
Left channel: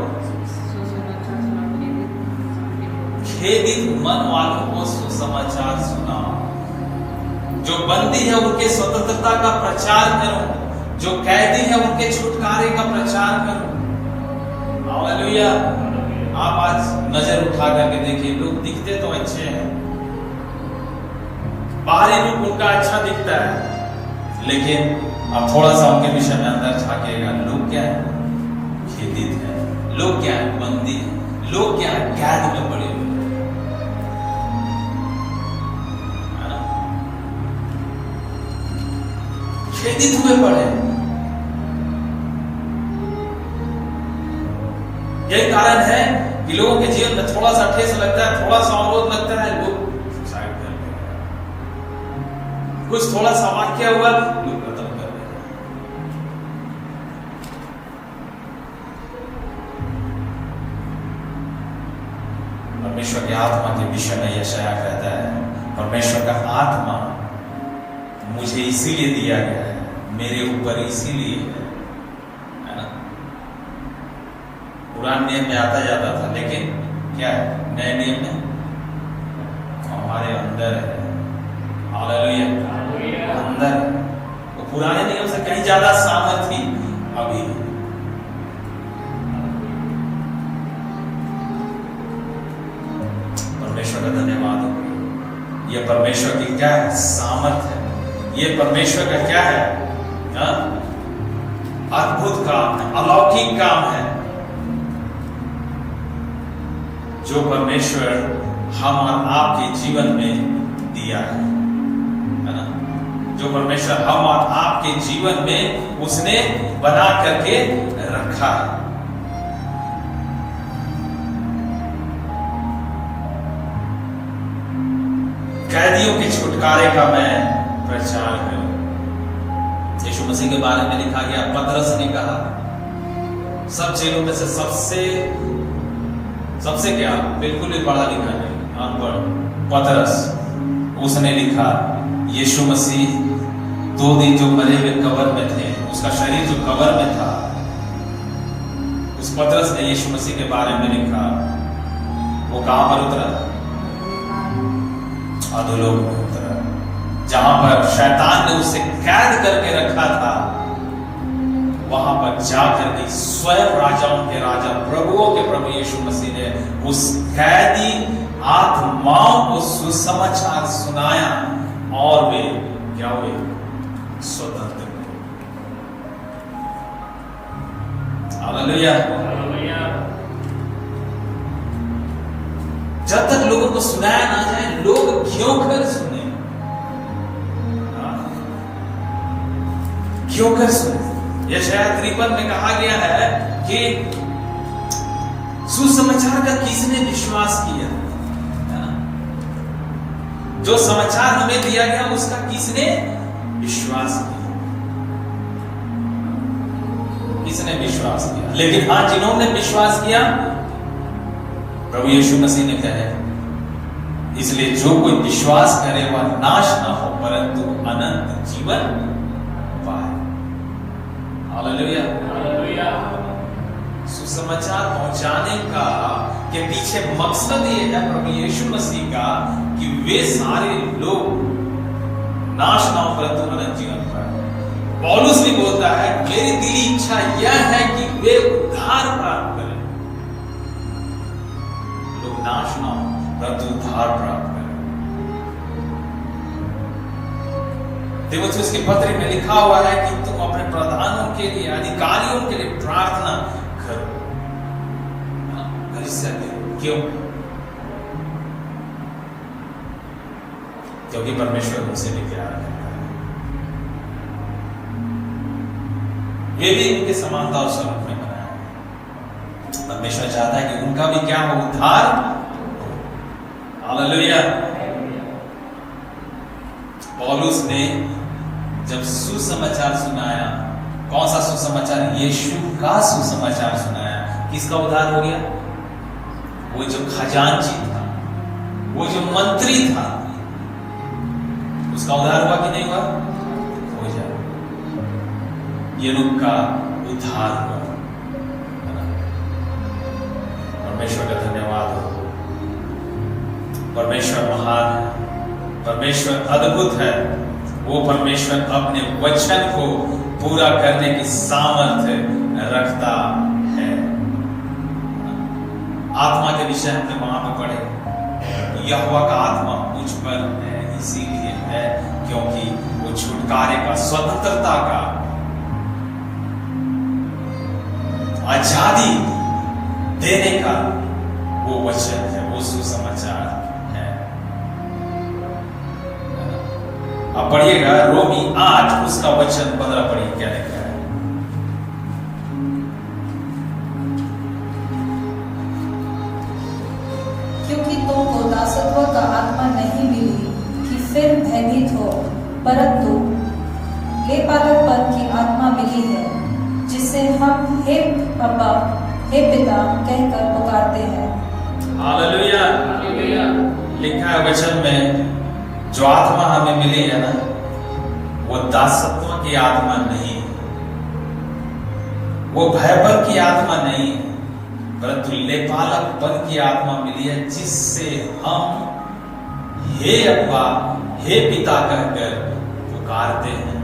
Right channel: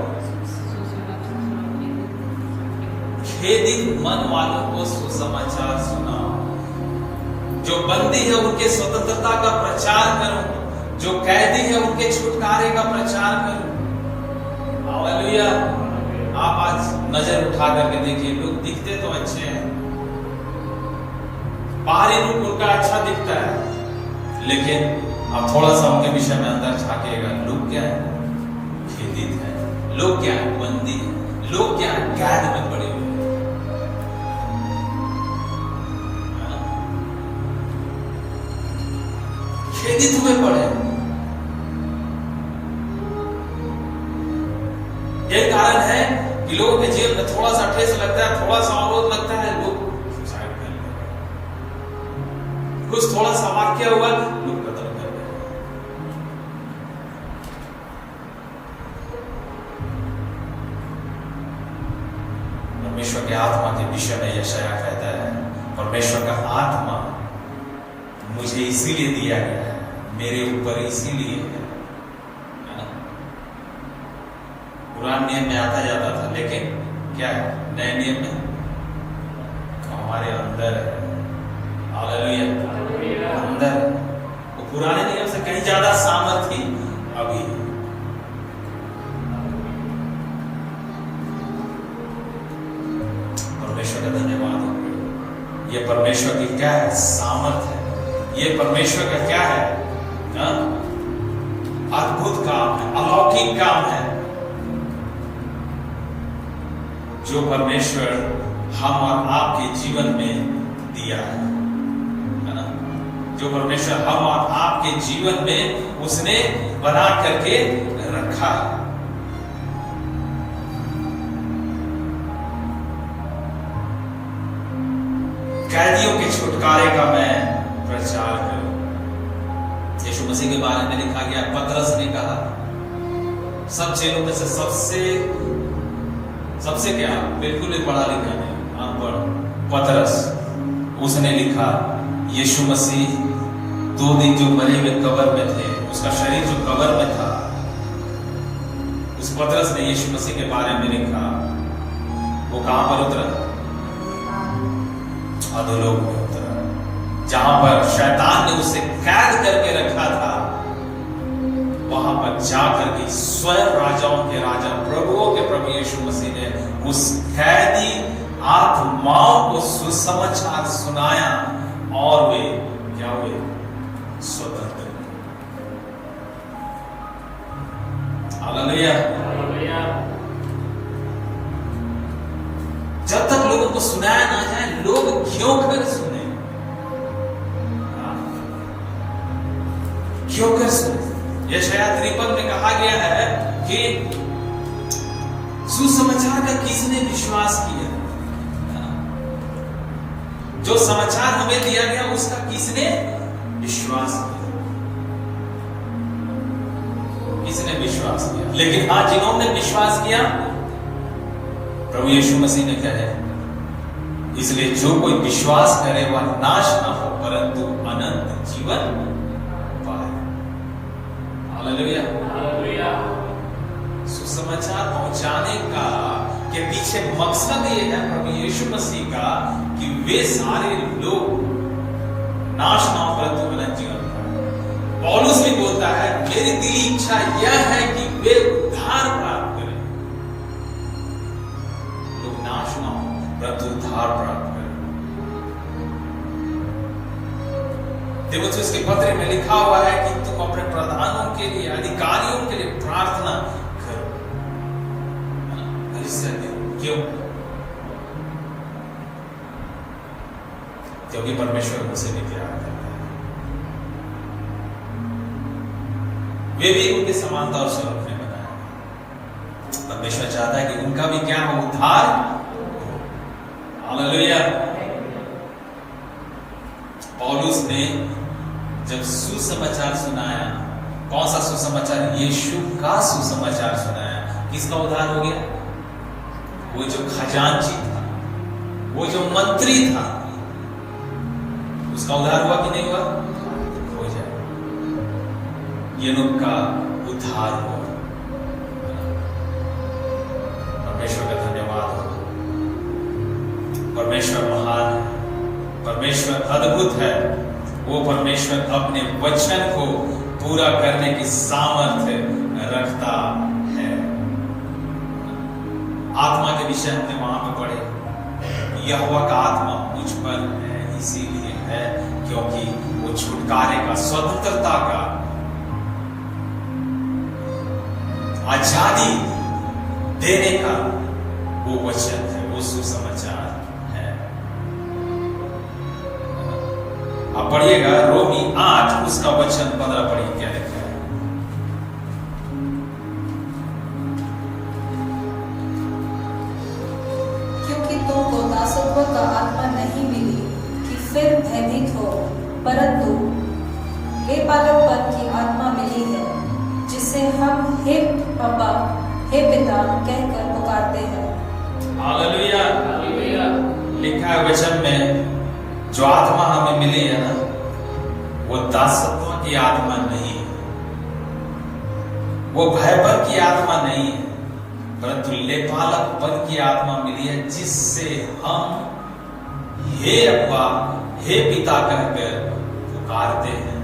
खेदित मन वालों को सुसमाचार सुनाऊं, जो बंदी है उनके स्वतंत्रता का प्रचार करूं, जो कैदी है उनके छुटकारे का प्रचार करूं। हालेलुया। आप आज नजर उठा करके देखिए, लोग दिखते तो अच्छे हैं, बाहरी रूप उनका अच्छा दिखता है, लेकिन अब थोड़ा सा उनके विषय में अंदर झांकेगा, लोग क्या है, खेदित है, लोग क्या है, बंदी है, लोग क्या है, कैद में पड़े हुए। खेदित हुए पड़े। यही कारण है कि लोगों के जीवन में थोड़ा सा ठेस लगता है, थोड़ा सा अवरोध लगता है, लोग सुसाइड कर लेते हैं। कुछ थोड़ा सा वाक्य हुआ, लोग कत्ल कर लेते हैं। परमेश्वर के आत्मा के विषय में यशाया कहता है, परमेश्वर का आत्मा मुझे इसीलिए दिया गया है, मेरे ऊपर इसीलिए है ना। पुराने नियम में आता जाता था, लेकिन क्या है, नए नियम में हमारे अंदर है। हालेलुया। अंदर वो पुराने नियम से कहीं ज्यादा सामर्थ्य अभी। परमेश्वर का धन्यवाद हो। ये परमेश्वर की क्या है, सामर्थ्य है। ये परमेश्वर का क्या है, अद्भुत काम है, अलौकिक काम है, जो परमेश्वर हम और आपके जीवन में दिया है ना। जो परमेश्वर हम और आपके जीवन में उसने बना करके रखा है। कैदियों के छुटकारे का मैं प्रचार करूं। यीशु मसीह के बारे में लिखा गया, पतरस ने कहा, सब चेलों में से सबसे क्या, बिल्कुल भी पढ़ा लिखा नहीं, अनपढ़ पतरस, उसने लिखा यीशु मसीह 2 दिन जो मरे हुए कब्र में थे, उसका शरीर जो कब्र में था, उस पतरस ने यीशु मसीह के बारे में लिखा। वो कहां पर उतरा? अधोलोक में उतरा, जहां पर शैतान ने उसे कैद करके रखा था। वहां पर जाकर के स्वयं राजाओं के राजा, प्रभुओं के प्रभु यीशु मसीह ने उस कैदी आत्माओं को सुसमाचार सुनाया और वे क्या हुए? स्वतंत्र। हालेलुया। जब तक लोगों को सुनाया ना जाए, लोग क्यों कर सुने? क्यों कर सुने? यशाया 53 में कहा गया है कि सुसमाचार का किसने विश्वास किया? जो समाचार हमें दिया गया उसका किसने विश्वास किया? किसने विश्वास किया? लेकिन हाँ, जिन्होंने विश्वास किया, प्रभु यीशु मसीह ने कहा, इसलिए जो कोई विश्वास करे वह नाश न हो परंतु अनंत जीवन हालेलुया। सुसमाचार पहुंचाने का के पीछे मकसद ये है प्रभु यीशु मसीह का कि वे सारे लोग नाश ना हो परंतु अनंत जीवन पाए। पौलुस भी बोलता है मेरी दिली इच्छा यह है कि वे उद्धार प्राप्त करें, लोग नाश ना हो परंतु उद्धार प्राप्त करें। तीमुथियुस के पत्र में लिखा हुआ है कि तुम अपने प्रधानों के लिए, अधिकारियों के लिए प्रार्थना करो। क्यों? क्योंकि परमेश्वर उनसे भी प्यार करता है, वे भी उनके समानता और स्वरूप में बनाया है। परमेश्वर चाहता है कि उनका भी क्या हो, उद्धार। हालेलुया। पौलुस ने जब सुसमाचार सुनाया, कौन सा सुसमाचार? यीशु का सुसमाचार सुनाया। किसका उद्धार हो गया? वो जो खजांची था, वो जो मंत्री था, उसका उद्धार हुआ कि नहीं हुआ? हो जाए। येनोक का उद्धार हुआ। परमेश्वर का धन्यवाद हो। परमेश्वर महान है, परमेश्वर अद्भुत है। वो परमेश्वर अपने वचन को पूरा करने की सामर्थ्य रखता है। आत्मा के विषय हमने वहां पे पढ़े, यहोवा का आत्मा मुझ पर है, इसीलिए है क्योंकि वो छुटकारे का, स्वतंत्रता का, आजादी देने का वो वचन है, वो सुसमाचार है। अब पढ़िएगा रोमी 8 उसका वचन 15 पढ़िए, क्या लिखा है? तुमको दासत्व का आत्मा नहीं मिली कि फिर भयभीत हो, परंतु लेपालकपन की आत्मा मिली है, जिससे हम हे अब्बा, हे पिता कहकर पुकारते हैं। हालेलुया। लिखा है वचन में, जो आत्मा हमें मिली है ना, वो दासत्व की आत्मा नहीं है, वो भयपन की आत्मा नहीं है, परंतु लेपालकपन की आत्मा मिली है, जिससे हम हे अब्बा, हे पिता कहकर पुकारते हैं।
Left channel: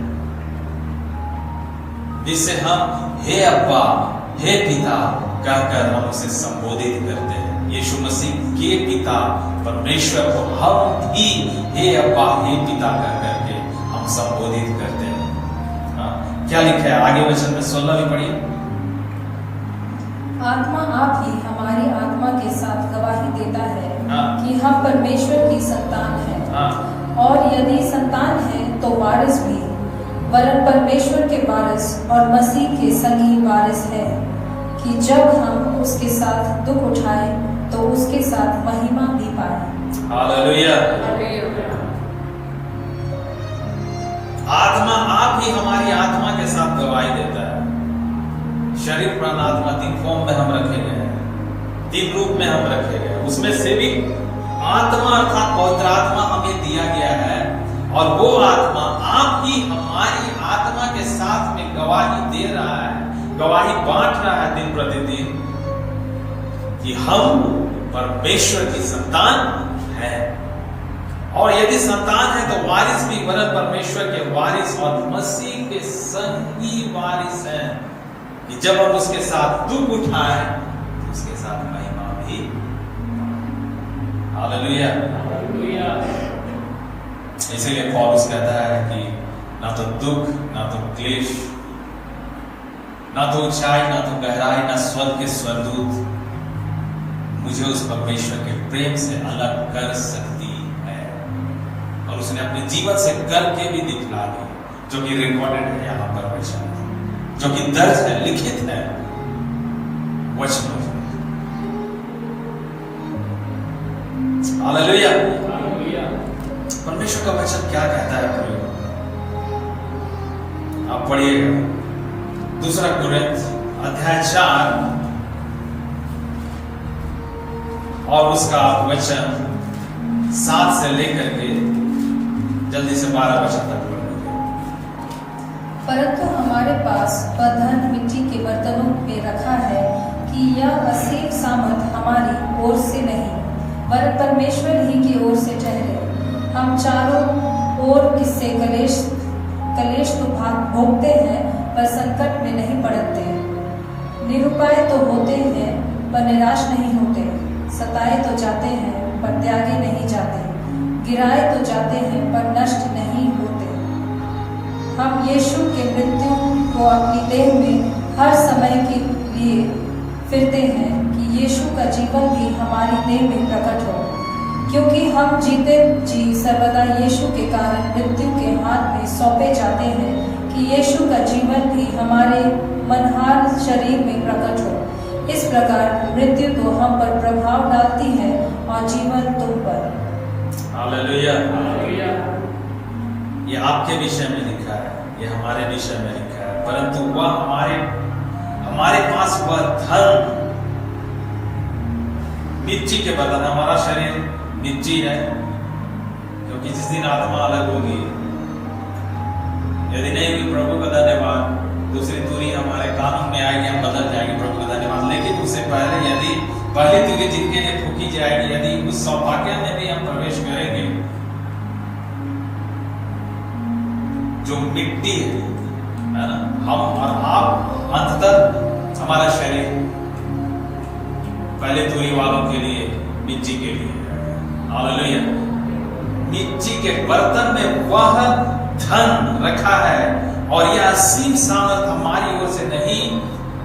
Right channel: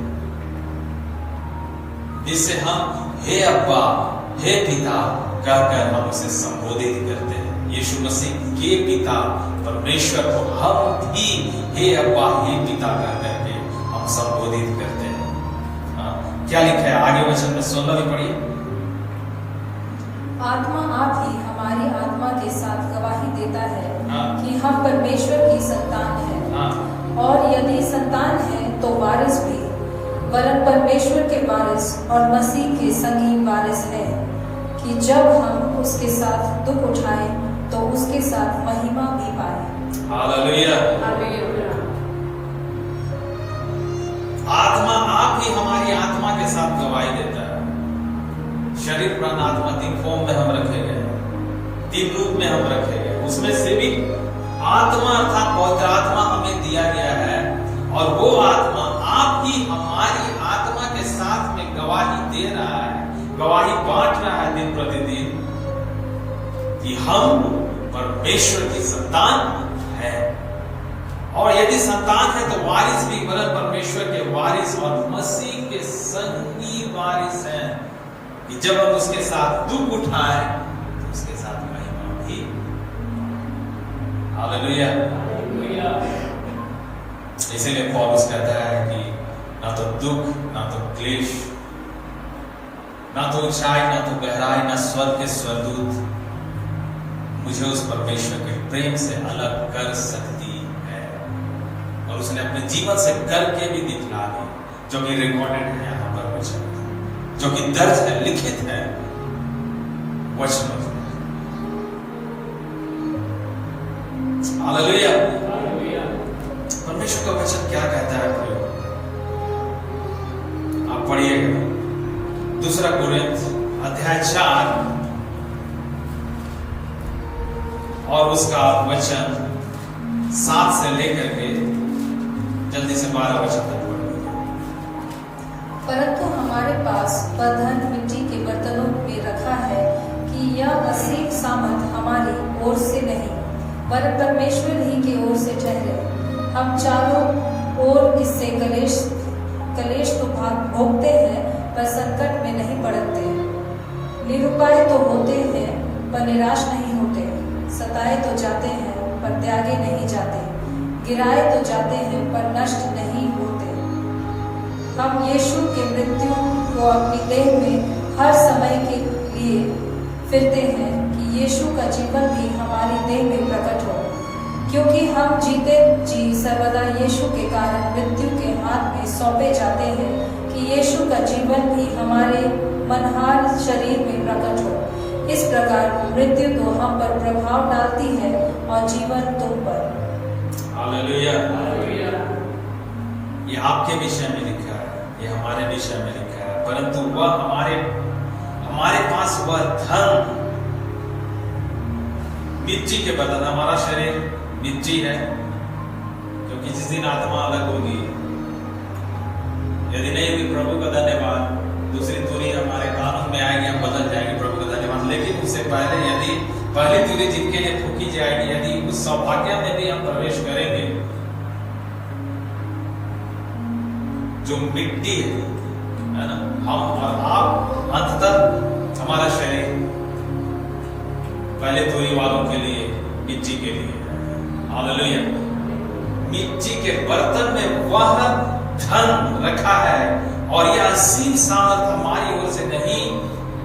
जिससे हम हे अब्बा, हे पिता कहकर हम उसे संबोधित करते हैं। यीशु मसीह के पिता परमेश्वर को हम भी हे अब्बा, हे पिता कहकर के हम संबोधित करते हैं। क्या लिखा है आगे वचन में? 16 में पढ़िए। आत्मा आप ही हमारी आत्मा के साथ गवाही देता है कि हम परमेश्वर की संतान हैं, और यदि संतान है तो वारिस भी, वरन परमेश्वर के वारिस और मसीह के संगी वारिस है, कि जब हम उसके साथ दुख उठाएं तो उसके साथ महिमा भी पाएं। हालेलुया। आत्मा आप ही हमारी आत्मा के साथ गवाही देता है। शरीर, प्राण, आत्मा 3 फॉर्म में हम रखे गए हैं, 3 रूप में हम रखे गए। उसमें से भी आत्मा अर्थात पवित्र आत्मा हमें दिया गया है, और वो आत्मा आप ही हमारी आत्मा के साथ में गवाही दे रहा है, गवाही बांट रहा है दिन प्रतिदिन कि हम परमेश्वर की संतान हैं, और यदि संतान है तो वारिस भी, वरन परमेश्वर के वारिस और मसीह के संगी वारिस हैं, कि जब हम उसके साथ दुख उठाएं तो उसके साथ महिमा भी। हालेलुया। इसीलिए पौलुस कहता है कि ना तो दुख, ना तो क्लेश, ना तो ऊंचाई, ना तो गहराई, ना स्वर्ग के स्वर्गदूत मुझे उस परमेश्वर के प्रेम से अलग कर सकती है। और उसने अपने जीवन से करके भी दिखला दी, जो कि रिकॉर्डेड है यहाँ पर वचन, जो कि दर्ज है, लिखित है वचनों में। हालेलुया। परमेश्वर का वचन क्या कहता है प्रियो? आप पढ़िएगा 2 कुरिन्थ अध्याय 4 और उसका वचन 7 से लेकर के जल्दी से 12 वचन तक पढ़िए। परंतु हमारे पास वह धन मिट्टी के बर्तनों में रखा है कि यह असीम सामर्थ हमारी ओर से नहीं पर परमेश्वर ही की ओर से ठहरे। हम चारों ओर इससे कलेश तो भोगते हैं पर संकट में नहीं पड़ते, निरुपाय तो होते हैं पर निराश नहीं होते, सताए तो जाते हैं पर त्यागे नहीं जाते, गिराए तो जाते हैं पर नष्ट नहीं होते। हम यीशु के मृत्यु को अपनी देह में हर समय के लिए फिरते हैं कि यीशु का जीवन भी हमारी देह में प्रकट हो, क्योंकि हम जीते जी सर्वदा यीशु के कारण मृत्यु के हाथ में सौंपे जाते हैं कि यीशु का जीवन भी हमारे मनहार शरीर में प्रकट हो। इस प्रकार मृत्यु तो हम पर प्रभाव डालती है और जीवन तुम पर। हालेलुया। ये आपके विषय में लिखा है, ये हमारे विषय में लिखा है, परंतु वह हमारे पास वह धन मिट्टी के बदन, हमारा शरीर मिट्टी है, क्योंकि जिस दिन आत्मा अलग होगी, यदि नहीं हुई प्रभु का धन्यवाद, दूसरी तुरी हमारे कानून में आएगी, हम बदल जाएंगे, प्रभु का धन्यवाद। लेकिन उससे पहले यदि पहली तुरी जिनके लिए फूकी जाएगी, यदि उस सौभाग्य में भी हम प्रवेश करेंगे जो मिट्टी है ना, हम और आप अंततः हमारा शरीर पहले तुरी वालों के लिए मिट्टी के लिए, हालेलुया, मिट्टी के बर्तन में वह धन रखा है और यह असीम सामर्थ हमारी ओर से नहीं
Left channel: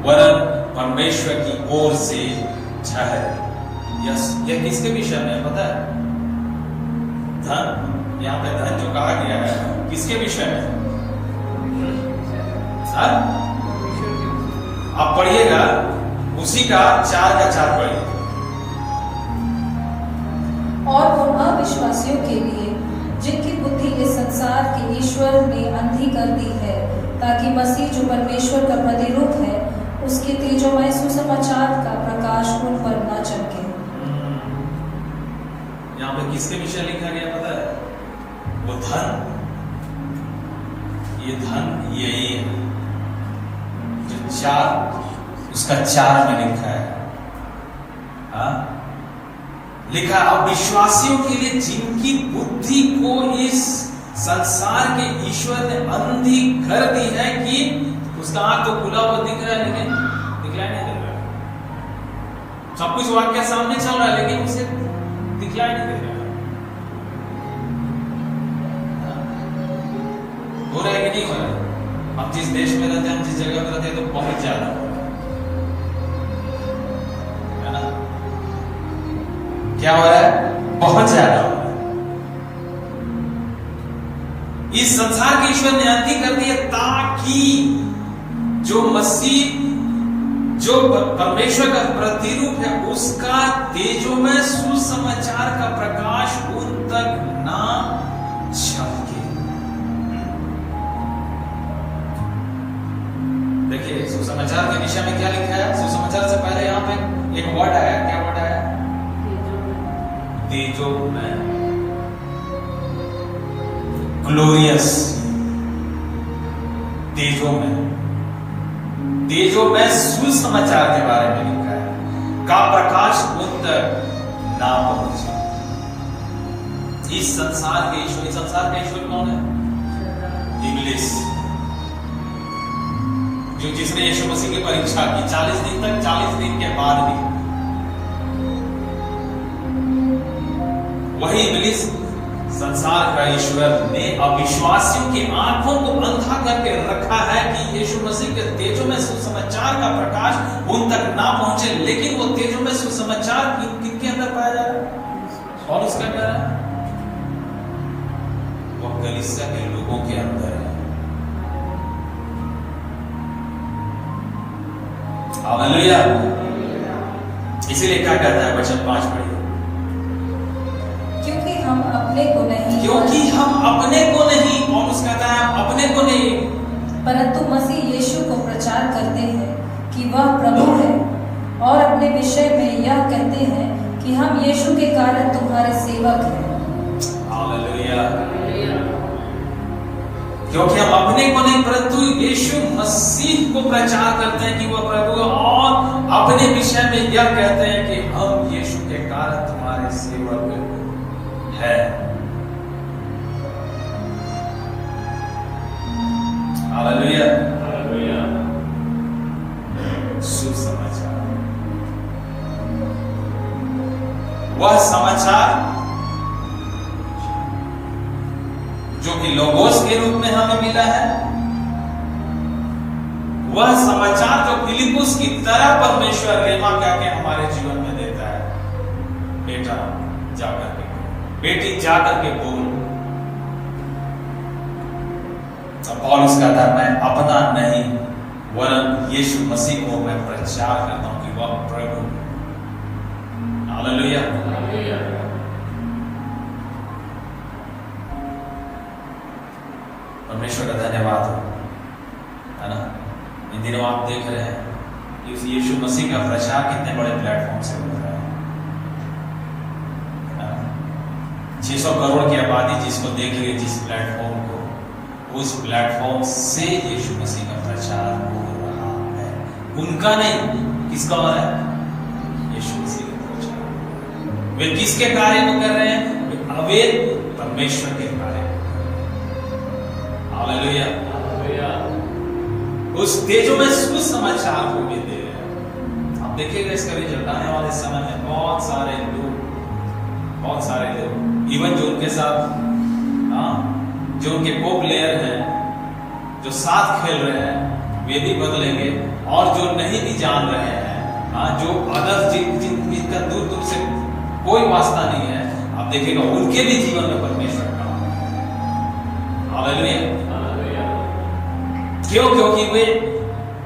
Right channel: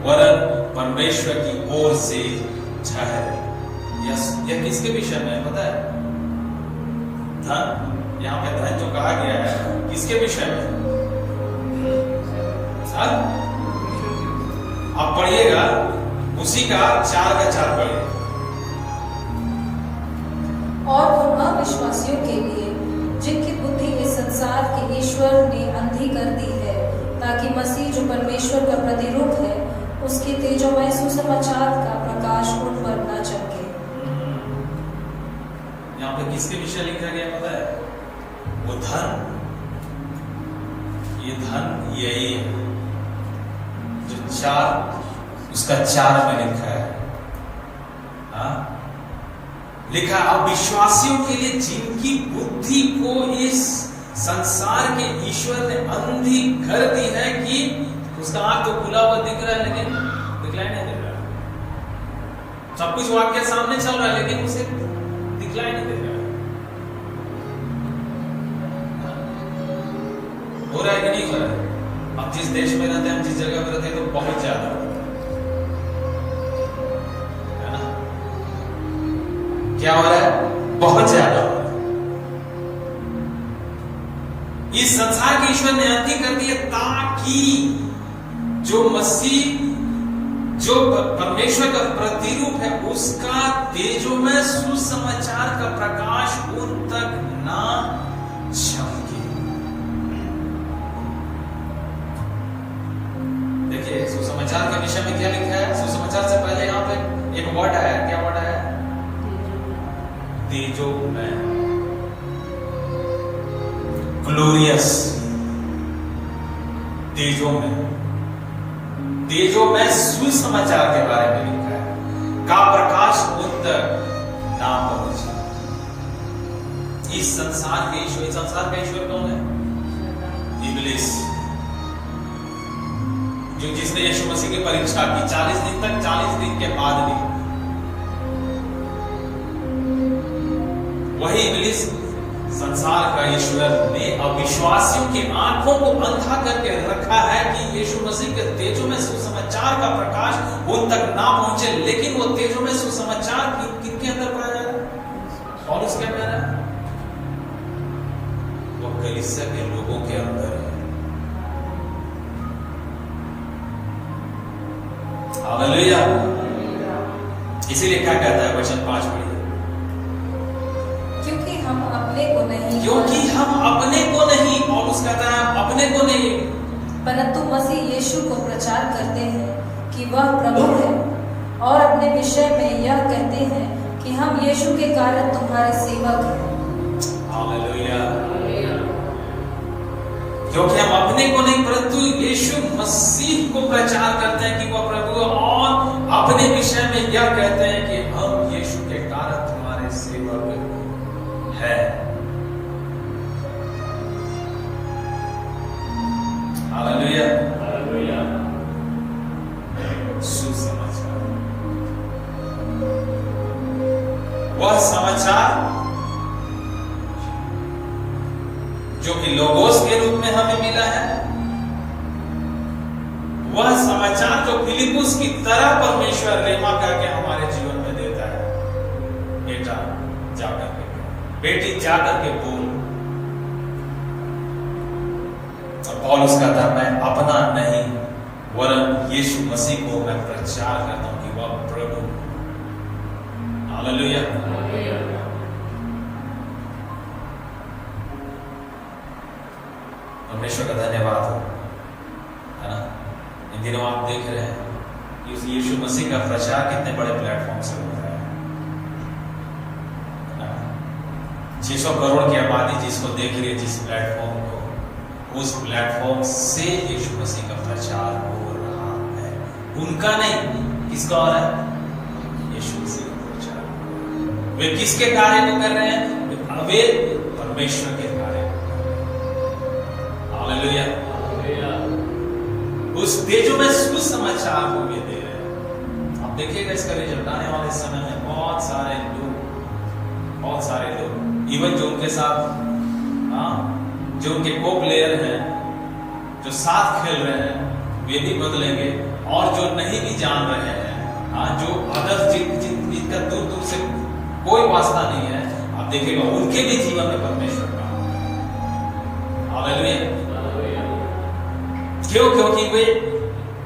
वरन परमेश्वर की ओर से है। यह किसके विषय में पता है? धन, यहां पे धन जो कहा गया है किसके विषय में? आप पढ़िएगा, उसी का 4 पढ़िए। और उन अविश्वासियों के लिए जिनकी बुद्धि इस संसार के ईश्वर ने अंधी कर दी है, ताकि मसीह जो परमेश्वर का प्रतिरूप है उसके तेजोमय सुसमाचार का प्रकाश उन पर न चमके। यहाँ पे किसके विषय लिखा गया पता है? वो धन, ये धन यही है जो 4 उसका 4 में लिखा है। हाँ, लिखा अविश्वासियों के लिए जिनकी बुद्धि को इस संसार के ईश्वर ने अंधी कर दी है कि उसका आंख तो खुला हुआ दिख रहा है लेकिन दिखलाई नहीं दे रहा। सब कुछ वाक्य सामने चल रहा है लेकिन उसे दिखलाई नहीं दे रहा। हो रहा है कि नहीं हो रहा है? हम जिस देश में रहते हैं, हम जिस जगह में रहते हैं, तो बहुत ज्यादा है ना। क्या हो रहा है? बहुत ज्यादा हो रहा है। इस संसार के ईश्वर ने अंधी कर दी है ताकि जो मसीह, जो परमेश्वर का प्रतिरूप है, उसका तेजोमय सुसमाचार का प्रकाश उन तक ना चमके। देखिए सुसमाचार के विषय में क्या लिखा है? सुसमाचार से पहले यहां पे एक वर्ड आया। क्या वर्ड आया? तेजोमय, ग्लोरियस, तेजोमय, तेजोमय सुसमाचार के बारे में लिखा है का प्रकाश उन तक ना पहुंचे। इस संसार के ईश्वर, संसार का ईश्वर कौन है? इब्लिस, जो जिसने यीशु मसीह की परीक्षा की 40 दिन तक, 40 दिन के बाद भी वही इब्लिस, संसार का ईश्वर ने अविश्वासियों की आंखों को अंधा करके रखा है कि यीशु मसीह के तेजों में सुसमाचार का प्रकाश उन तक ना पहुंचे। लेकिन वो तेजों में सुसमाचार किनके अंदर पाया जा रहा है? और उसके अंदर है वो कलीसिया के लोगों के अंदर है। हालेलुया। इसीलिए क्या कहता है वचन 5 पढ़िए, क्योंकि हम अपने को नहीं, पौलुस कहता है अपने को नहीं, परंतु मसीह यीशु को प्रचार करते हैं कि वह प्रभु है, और अपने विषय में यह कहते हैं कि हम यीशु के कारण तुम्हारे सेवक हैं। हालेलुया। क्योंकि हम अपने को नहीं परंतु यह कहते हैं कि हम यीशु के कारण तुम्हारे सेवक हैं। Hallelujah, hallelujah. सुसमाचार, वह समाचार जो कि लोगोस के रूप में हमें मिला है, वह समाचार जो फिलिपुस की तरह परमेश्वर रेमा करके हमारे जीवन में देता है। बेटा जाकर के, बेटी जाकर के बोल। तो पौलुस कहता है मैं अपना नहीं वरन यीशु मसीह को मैं प्रचार करता हूं कि वह प्रभु। हालेलुया, हालेलुया। परमेश्वर का धन्यवाद हो, है ना। इन दिनों आप देख रहे हैं कि उस यीशु मसीह का प्रचार कितने बड़े प्लेटफॉर्म से हो रहा है। 600 करोड़ की आबादी जिसको देख रही है, जिस प्लेटफॉर्म को, उस प्लेटफॉर्म से यीशु मसीह का प्रचार हो रहा है। उनका नहीं, किसका हो रहा है? यीशु मसीह का प्रचार। वे किसके कार्य को कर रहे हैं? वे परमेश्वर के कार्य। Hallelujah, hallelujah. उस तेजो में सुसमाचार को वे दे रहे हैं। आप देखिएगा इसका रिजल्ट आने वाले समय में बहुत सारे लोग इवन जो उनके साथ जो उनके को प्लेयर हैं, जो साथ खेल रहे हैं, वे भी बदलेंगे। और जो नहीं भी जान रहे हैं, जो अदर जिनका दूर दूर से कोई वास्ता नहीं है, आप देखिएगा उनके भी जीवन में परमेश्वर का। हालेलुया, क्यों? क्योंकि वे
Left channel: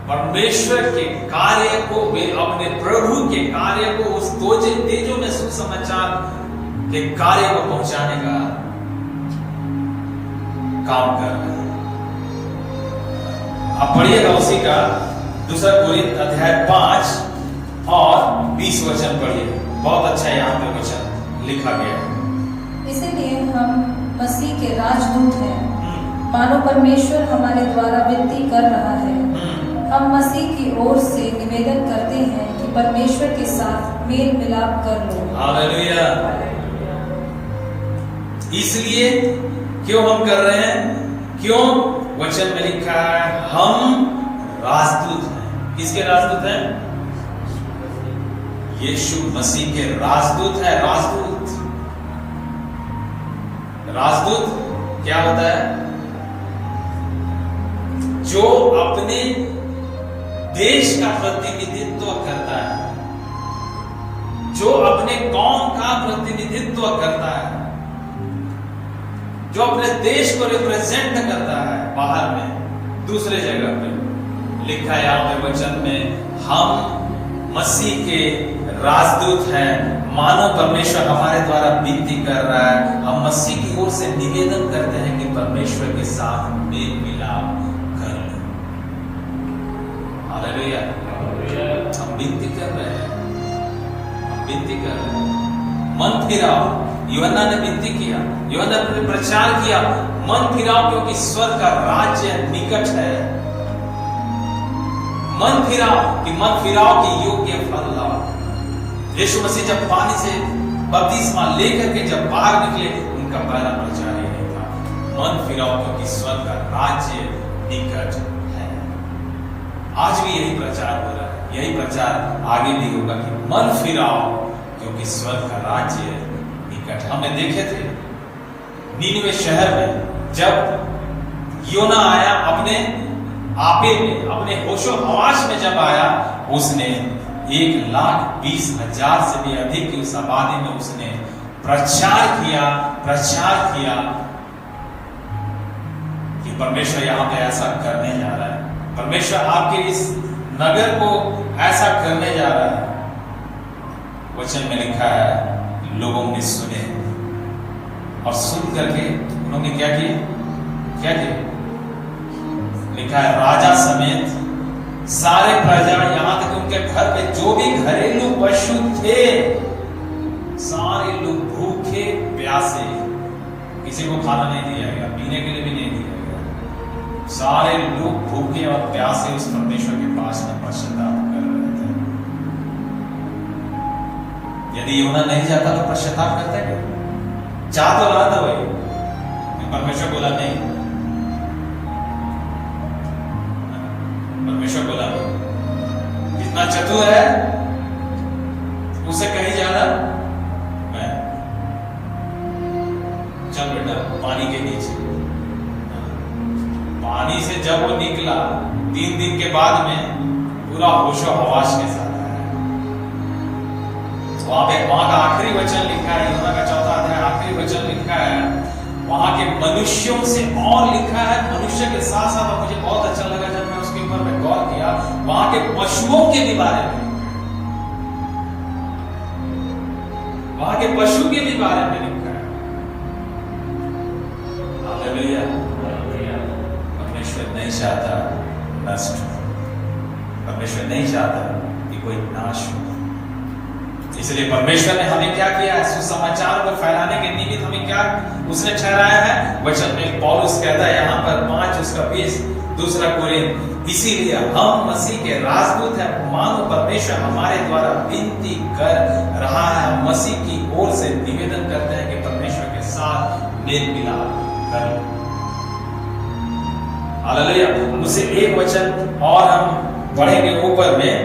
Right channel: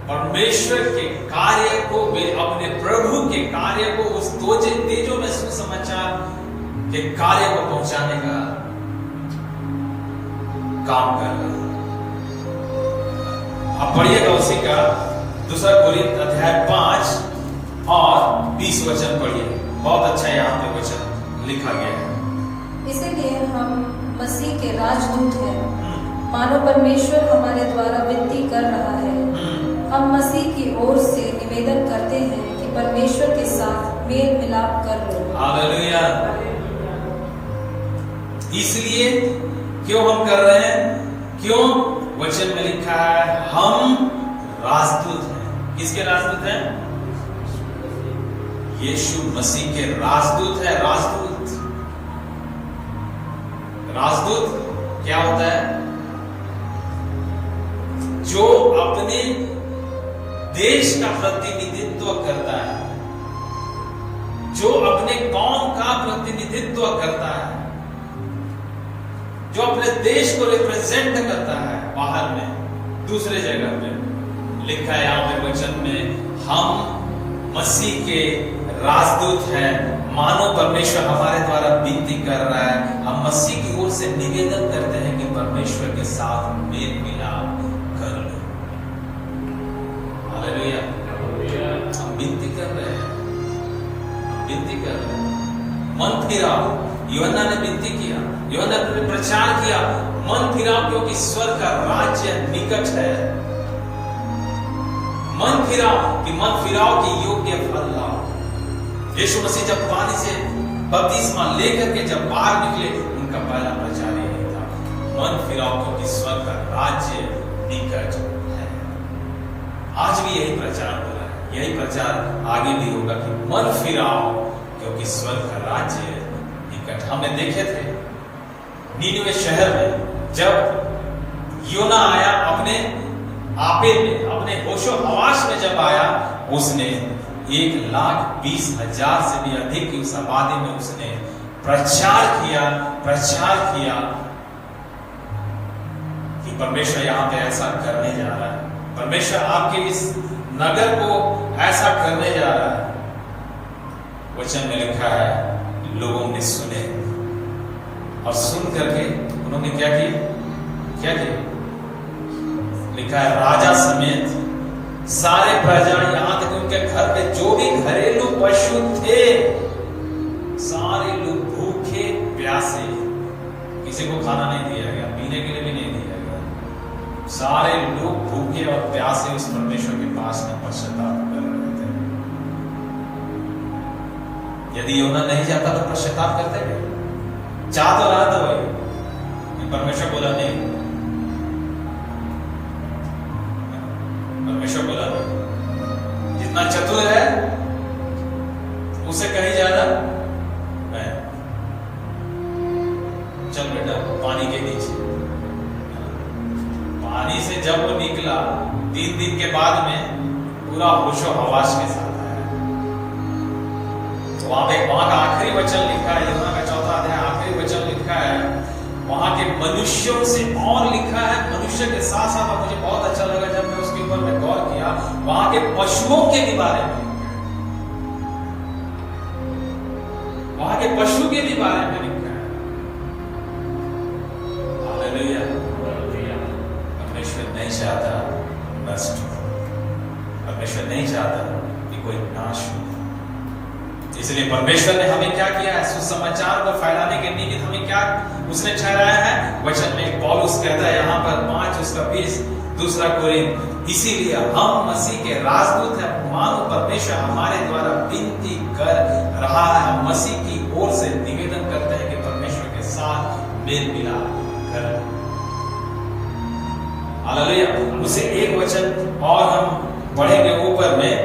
परमेश्वर के कार्य को, वे अपने प्रभु के कार्य को, उस तेजो में सुसमाचार के कार्य को पहुंचाने का काम कर रहे हैं। आप पढ़िएगा उसी का 2 कोरिन्थ अध्याय 5 और 20 वचन पढ़िए। बहुत अच्छा यहाँ पे वचन लिखा गया है। इसलिए हम मसीह के राजदूत हैं, मानो परमेश्वर हमारे द्वारा विनती कर रहा है। हम मसीह की ओर से निवेदन करते हैं कि परमेश्वर के साथ मेल मिलाप कर लो। हालेलुया। इसलिए क्यों हम कर रहे हैं? क्यों? वचन में लिखा है हम राजदूत हैं। किसके राजदूत हैं? यीशु मसीह के राजदूत हैं। राजदूत क्या होता है? जो अपने देश का प्रतिनिधित्व करता है, जो अपने कौम का प्रतिनिधित्व करता है, जो अपने देश को रिप्रेजेंट करता है बाहर में, दूसरे जगह पे। लिखा है यहाँ पे वचन में, हम मसीह के राजदूत हैं, मानो परमेश्वर हमारे द्वारा विनती कर रहा है। हम मसीह की ओर से निवेदन करते हैं कि परमेश्वर के साथ मेल मिलाप कर लो। हालेलुया, हम विनती कर रहे हैं, मन फिराओ। यूहन्ना ने विनती किया, यूहन्ना ने प्रचार किया, मन फिराओ क्योंकि स्वर्ग का राज्य निकट है। मन फिराओ कि योग्य फल लाओ। यीशु मसीह जब पानी से बपतिस्मा लेकर के जब बाहर निकले, उनका पहला प्रचार यही था, मन फिराओ क्योंकि स्वर्ग का राज्य निकट है। आज भी यही प्रचार हो रहा है, यही प्रचार आगे भी होगा कि मन फिराओ क्योंकि स्वर्ग का राज्य निकट। हमने देखे थे नीनवे शहर में जब योना आया, अपने आपे में, अपने होशो हवास में जब आया, उसने 1,20,000 से भी अधिक की उस आबादी में उसने प्रचार किया कि परमेश्वर यहाँ पे ऐसा करने जा रहा है, परमेश्वर आपके इस नगर को ऐसा करने जा रहा है। वचन में लिखा है लोगों ने सुने और सुन करके उन्होंने क्या किया? लिखा है राजा समेत सारे प्रजा, यहां तक उनके घर पे जो भी घरेलू पशु थे, सारे लोग भूखे प्यासे, किसी को खाना नहीं दिया गया, पीने के लिए भी नहीं दिया गया, सारे लोग भूखे और प्यासे उस परमेश्वर के पास में पश्चाताप कर रहे थे। यदि यूहन्ना नहीं जाता तो पश्चाताप करते क्या? जा तो रहा था भाई, परमेश्वर बोला नहीं, परमेश्वर बोला नहीं। जितना चतुर है उसे कहीं जाना, मैं चल बेटा पानी के नीचे। पानी से जब वो निकला 3 दिन के बाद में पूरा होशो हवास के साथ आया। वहां का आखिरी वचन लिखा है, यूहन्ना का 4वां अध्याय आखिरी वचन लिखा है, वहां के मनुष्यों से और लिखा है, मनुष्य के साथ साथ मुझे बहुत अच्छा लगा जब मैं उसके ऊपर में गौर किया, वहां के पशुओं के भी बारे में, वहां के पशु के भी बारे में लिखा है। हालेलुया। परमेश्वर नहीं चाहता नष्ट हो, परमेश्वर नहीं चाहता कि कोई नाश हो। इसलिए परमेश्वर ने हमें क्या किया है? सुसमाचार को फैलाने के निमित्त हमें क्या उसने ठहराया है? वचन में पौलुस कहता है यहाँ पर 5:20 2 कोरिन्थ, इसीलिए हम मसीह के राजदूत हैं, मानो परमेश्वर हमारे द्वारा विनती कर रहा है। हम मसीह की ओर से निवेदन करते हैं कि परमेश्वर के साथ मेल मिलाप कर। हालेलुया। उससे एक वचन और हम पढ़ेंगे ऊपर में,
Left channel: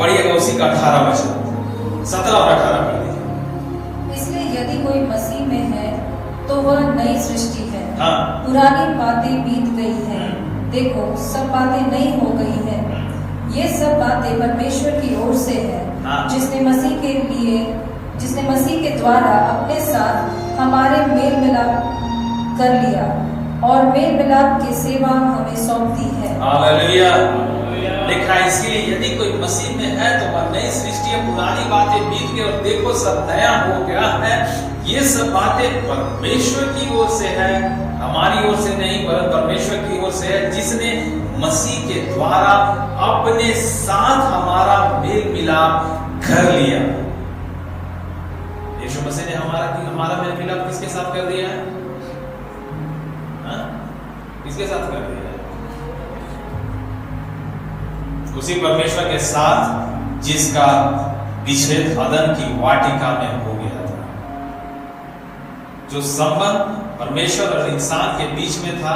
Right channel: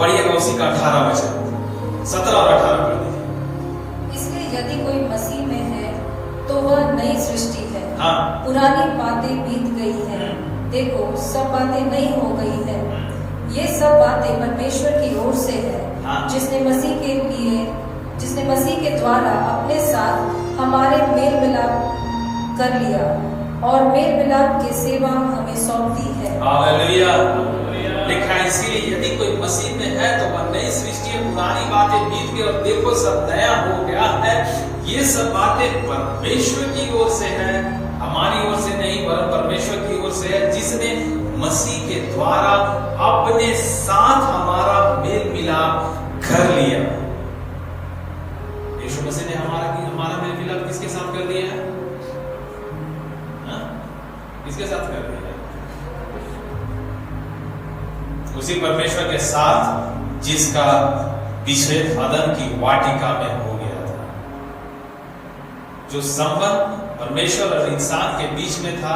पढ़िएगा उसी का 18 वचन, 17 और 18 पढ़ दीजिए। इसलिए यदि कोई मसीह में है तो वह नई सृष्टि है, हाँ। पुरानी बातें बीत गई है, देखो सब बातें नई हो गई है। ये सब बातें परमेश्वर की ओर से है, हाँ। जिसने मसीह के द्वारा अपने साथ हमारे मेल मिलाप कर लिया और मेल मिलाप की सेवा हमें सौंप दी है। हालेलुया। लिखा है इसलिए यदि कोई मसीह में है तो वह नई सृष्टि है, पुरानी बातें बीत गई और देखो सब नया हो गया है। ये सब बातें परमेश्वर की ओर से है, हमारी ओर से नहीं, पर परमेश्वर की ओर से है, जिसने मसीह के द्वारा अपने साथ हमारा मेल मिलाप कर लिया। यीशु मसीह ने हमारा मेल मिलाप किसके साथ कर दिया है? किसके साथ कर दिया? उसी परमेश्वर के साथ जिसका विच्छेद अदन की वाटिका में हो गया था। जो संबंध परमेश्वर और इंसान के बीच में था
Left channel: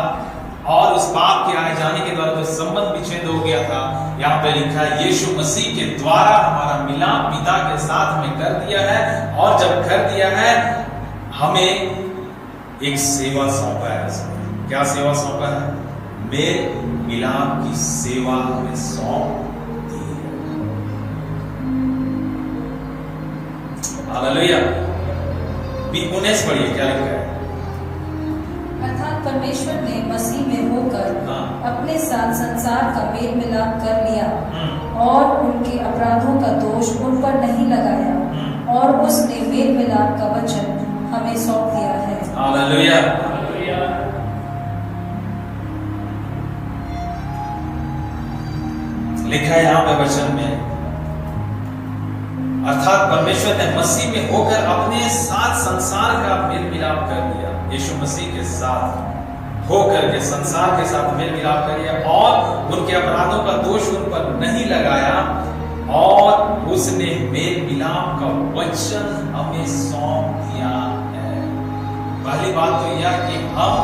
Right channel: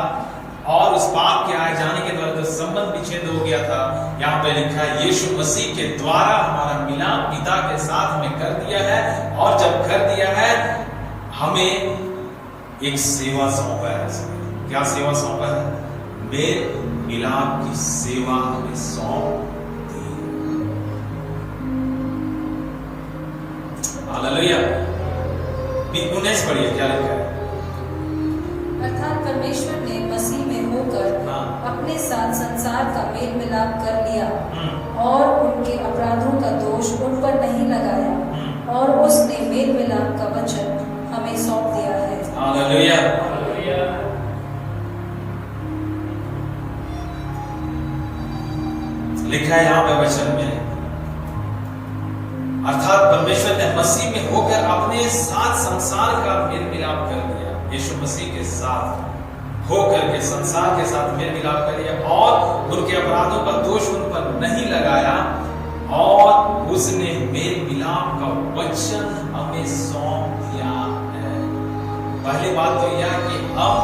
और उस पाप के आए जाने के द्वारा जो संबंध विच्छेद हो गया था, यहाँ पे लिखा है यीशु मसीह के द्वारा हमारा मिलाप पिता के साथ में कर दिया है। और जब कर दिया है हमें एक सेवा सौंपा है। क्या सेवा सौंपा है? मेल मिलाप की सेवा हमें सौंप दी। हालेलुया। 19 पढ़िए क्या लिखा है? अर्थात परमेश्वर ने मसीह में होकर अपने साथ संसार का मेल मिलाप कर लिया और उनके अपराधों का दोष उन पर नहीं लगाया और उसने मेल मिलाप का वचन हमें सौंप दिया है। हालेलुया। लिखा है यहाँ पे वचन में, अर्थात परमेश्वर ने मसीह में होकर अपने साथ संसार का मेल मिलाप कर लिया। यीशु मसीह के साथ होकर के संसार के साथ मेल मिलाप कर लिया और उनके अपराधों का दोष उन पर नहीं लगाया और उसने मेल मिलाप का वचन हमें सौंप दिया है। पहली बात तो यह कि हम